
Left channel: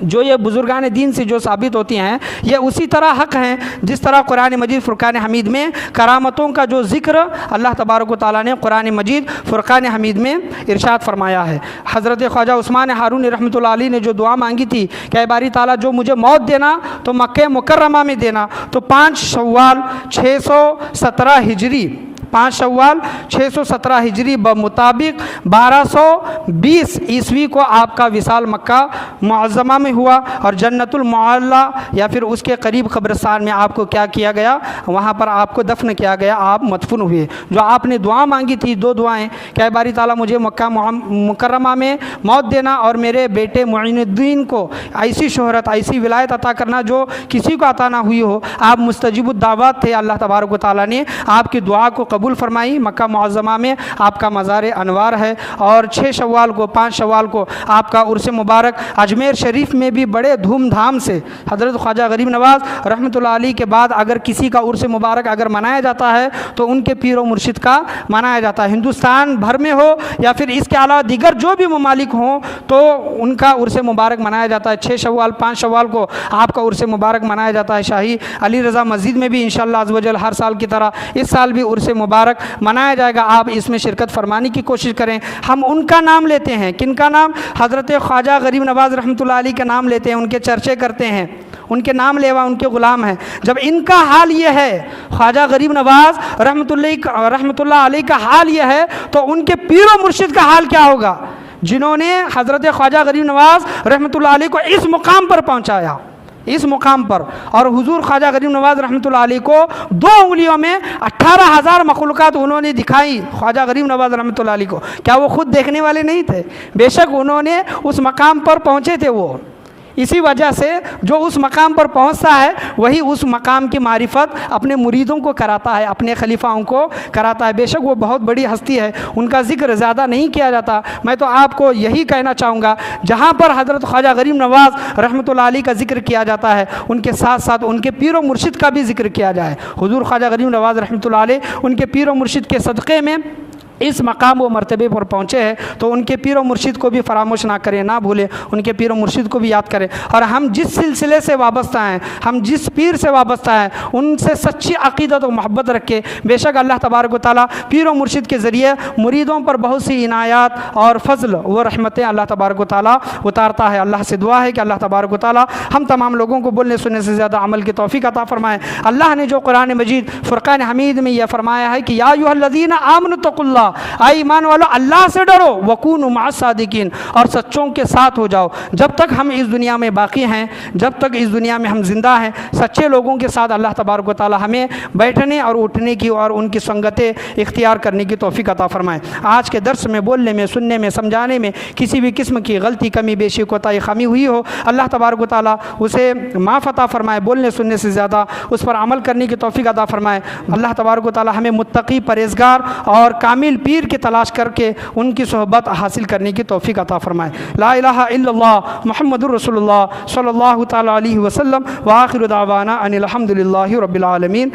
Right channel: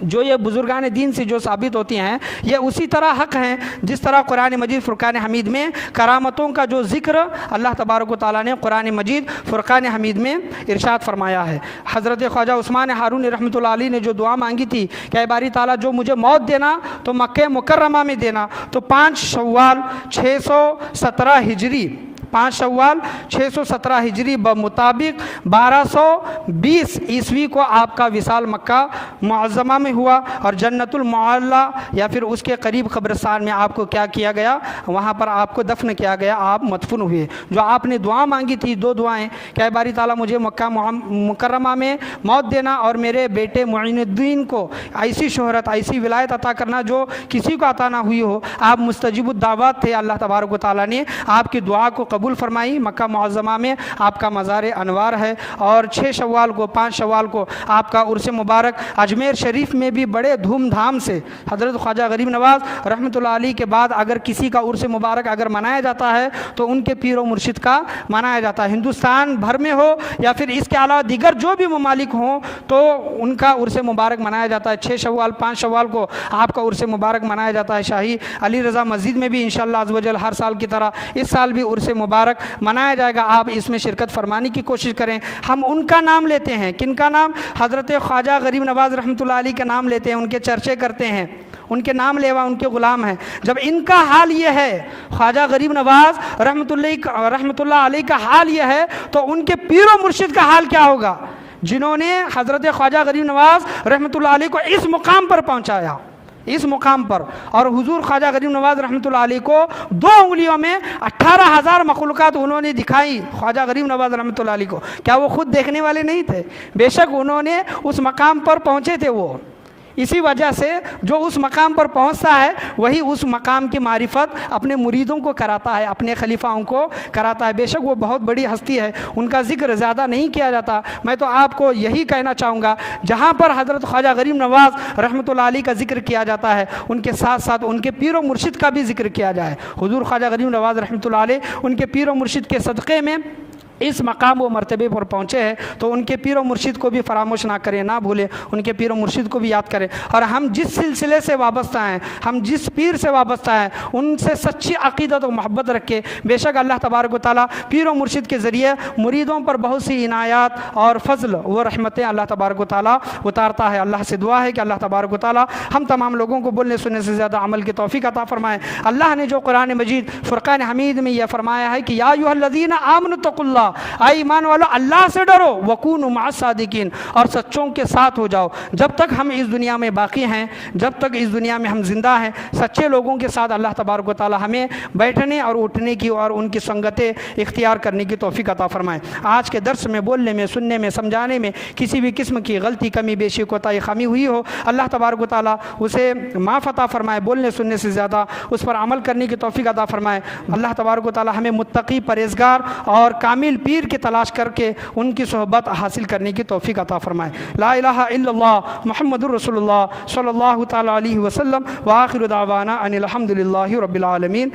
جو یہ بزرگان دین سے جو ثابت ہوتی ہیں یہ اسی طرح حق ہیں جس طرح قرآن مجید فرقان حمید میں کرامتوں کا جو ذکر اللہ تبارک و تعالیٰ نے قرآن مجید فرقان حمید میں ارشاد فرمایا ہے۔ حضرت خواجہ عثمان ہارونی رحمۃ اللہ علیہ نے جو دعا مانگی تھی کہ اے باری تعالیٰ جو مجھے موت دینا تو مکہ مکرمہ میں دینا، تو 5 شوال 617 ہجری 5 شوال 617 ہجری بمطابق 1220 عیسوی کو آپ کا وصال مکہ معظمہ میں ہوا، اور جنت المعلی یا پھر اس کے قریب قبرستان میں آپ کو کیا کیا گیا، وہاں پر آپ کو دفن کیا گیا، آپ مدفون ہوئے۔ جو آپ نے دعا مانگی تھی 2 دعائیں کہ اے باری تعالیٰ مجھے مکہ مکرمہ میں موت دینا اور میرے بیٹے معین الدین کو ایسی شہرت ایسی ولایت عطا کرنا جو کسی کو عطا نہ ہوئی ہو، آپ مستجیب الدعوات تھے۔ اللہ تبارک و تعالیٰ نے آپ کی دعا کو قبول فرمائی۔ مکہ معظمہ میں آپ کا مزار انوار ہے، اور 6 شوال کو 5 شوال کو آپ کا عرس مبارک اجمیر شریف میں بھی بڑے دھوم دھام سے حضرت خواجہ غریب نواز رحمۃ اللہ علیہ کے بعد اگر کسی کا عرس مبارک اگر منایا جاتا ہے تو ان کے پیر و مرشد کا منایا جاتا ہے۔ ہندوستان بھر میں ہو یا پھر اس کے علاوہ دیگر جو بھی ممالک ہوں تو ان کا عرس مبارک منایا جاتا ہے۔ 6 شوال 5 شوال کو آپ کا عرس مبارک منایا جاتا ہے۔ شاہی علی رضا مسجد میں بھی انشاءاللہ عز و جل ہر سال کی طرح اس سال بھی عرس مبارک منایا جائے گا۔ آپ اس میں شرکت فرمانے کی کوشش کریں۔ ہم ان کا نام لیتے ہیں، کن کا نام؟ حضرت خواجہ غریب نواز رحمۃ اللہ علیہ کا نام لیتے ہیں، ان کے چرچے کرتے ہیں، ان کے نام لیوا ان کے غلام ہیں۔ جب ان کا حال یہ ہے، خواجہ غریب نواز رحمۃ اللہ علیہ کا حال یہ ہے، تو ان کے پیر و مرشد کا حال کیا ہوگا، جنہوں نے حضرت خواجہ غریب نواز رحمۃ اللہ علیہ کو اس مقام پر پہنچایا، اس مقام پر۔ اور حضور خواجہ غریب نواز رحمۃ اللہ علیہ کو 2 انگلیوں میں 18,000 مخلوقات انہوں نے دکھائی خواجہ غریب نواز رحمۃ اللہ علیہ کو۔ کیا وہ خود دیکھنے والے نہیں تھے؟ بے شک انہوں نے اس مقام پر پہنچے تھے۔ وہ اسی وجہ سے جو اس مقام پر پہنچتا ہے وہی اس مقام کی معرفت اپنے مریدوں کو کراتا ہے، اپنے خلیفاؤں کو کراتا ہے۔ بے شک وہ بہت بڑی ہستی ہے، ان کا ذکر زیادہ نہیں کیا جاتا۔ میں تو آپ کو یہی کہنا چاہوں گا، جہاں پر حضرت خواجہ غریب نواز رحمۃ اللہ علیہ کا ذکر کیا جاتا ہے ان کے ساتھ ساتھ ان کے پیر و مرشد کا بھی ذکر کیا جائے۔ حضور خواجہ غریب نواز رحمۃ اللہ علیہ ان کے پیر و مرشد کے صدقے میں اس مقام و مرتبے پر پہنچے ہیں، تو ان کے پیر و مرشد کو بھی فراموش نہ کریں، نہ بھولیں، ان کے پیر و مرشد کو بھی یاد کریں۔ اور ہم جس سلسلے سے وابستہ ہیں، ہم جس پیر سے وابستہ ہیں، ان سے سچی عقیدت و محبت رکھیں۔ بے شک اللہ تبارک و تعالیٰ پیر و مرشد کے ذریعے مریدوں پر بہت سی عنایات اور فضل و رحمتیں اللہ تبارک و تعالیٰ اتارتا ہے۔ اللہ سے دعا ہے کہ اللہ تبارک و تعالیٰ ہم تمام لوگوں کو بولنے سننے سے زیادہ عمل کی توفیق عطا فرمائے۔ اللہ نے جو قرآن مجید فرقان حمید میں یہ فرمایا ہے کہ یا ایھا الذین آمنوا اتقوا اللہ، اے ایمان والو اللہ سے ڈرو، وکونوا مع الصادقین، اور سچوں کے ساتھ ہو جاؤ۔ جب تک ہم اس دنیا میں باقی ہیں، جب تک اس دنیا میں ہم زندہ ہیں، سچے لوگوں کے ساتھ اللہ تبارک و تعالی ہمیں بیٹھنے اور اٹھنے کی اور ان کی سنگتیں اختیار کرنے کی توفیق عطا فرمائے۔ آج کے درس میں بولنے میں، سننے میں، سمجھانے میں کسی بھی قسم کی غلطی، کمی بیشی، کوتاہی، خامی ہوئی ہو، اللہ تبارک و تعالی اسے معاف عطا فرمائے، بولنے سننے سے زیادہ اس پر عمل کرنے کی توفیق عطا فرمائے۔ اللہ تبارک و تعالی ہمیں متقی، پرہیزگار اور کامل پیر کی تلاش کر کے ان کی صحبت حاصل کرنے کی توفیق عطا فرمائے۔ لا الہ الا اللہ محمد الرسول اللہ صلی اللہ تعالی علیہ وسلم، وآخر دعوانا ان الحمد للہ رب العالمین۔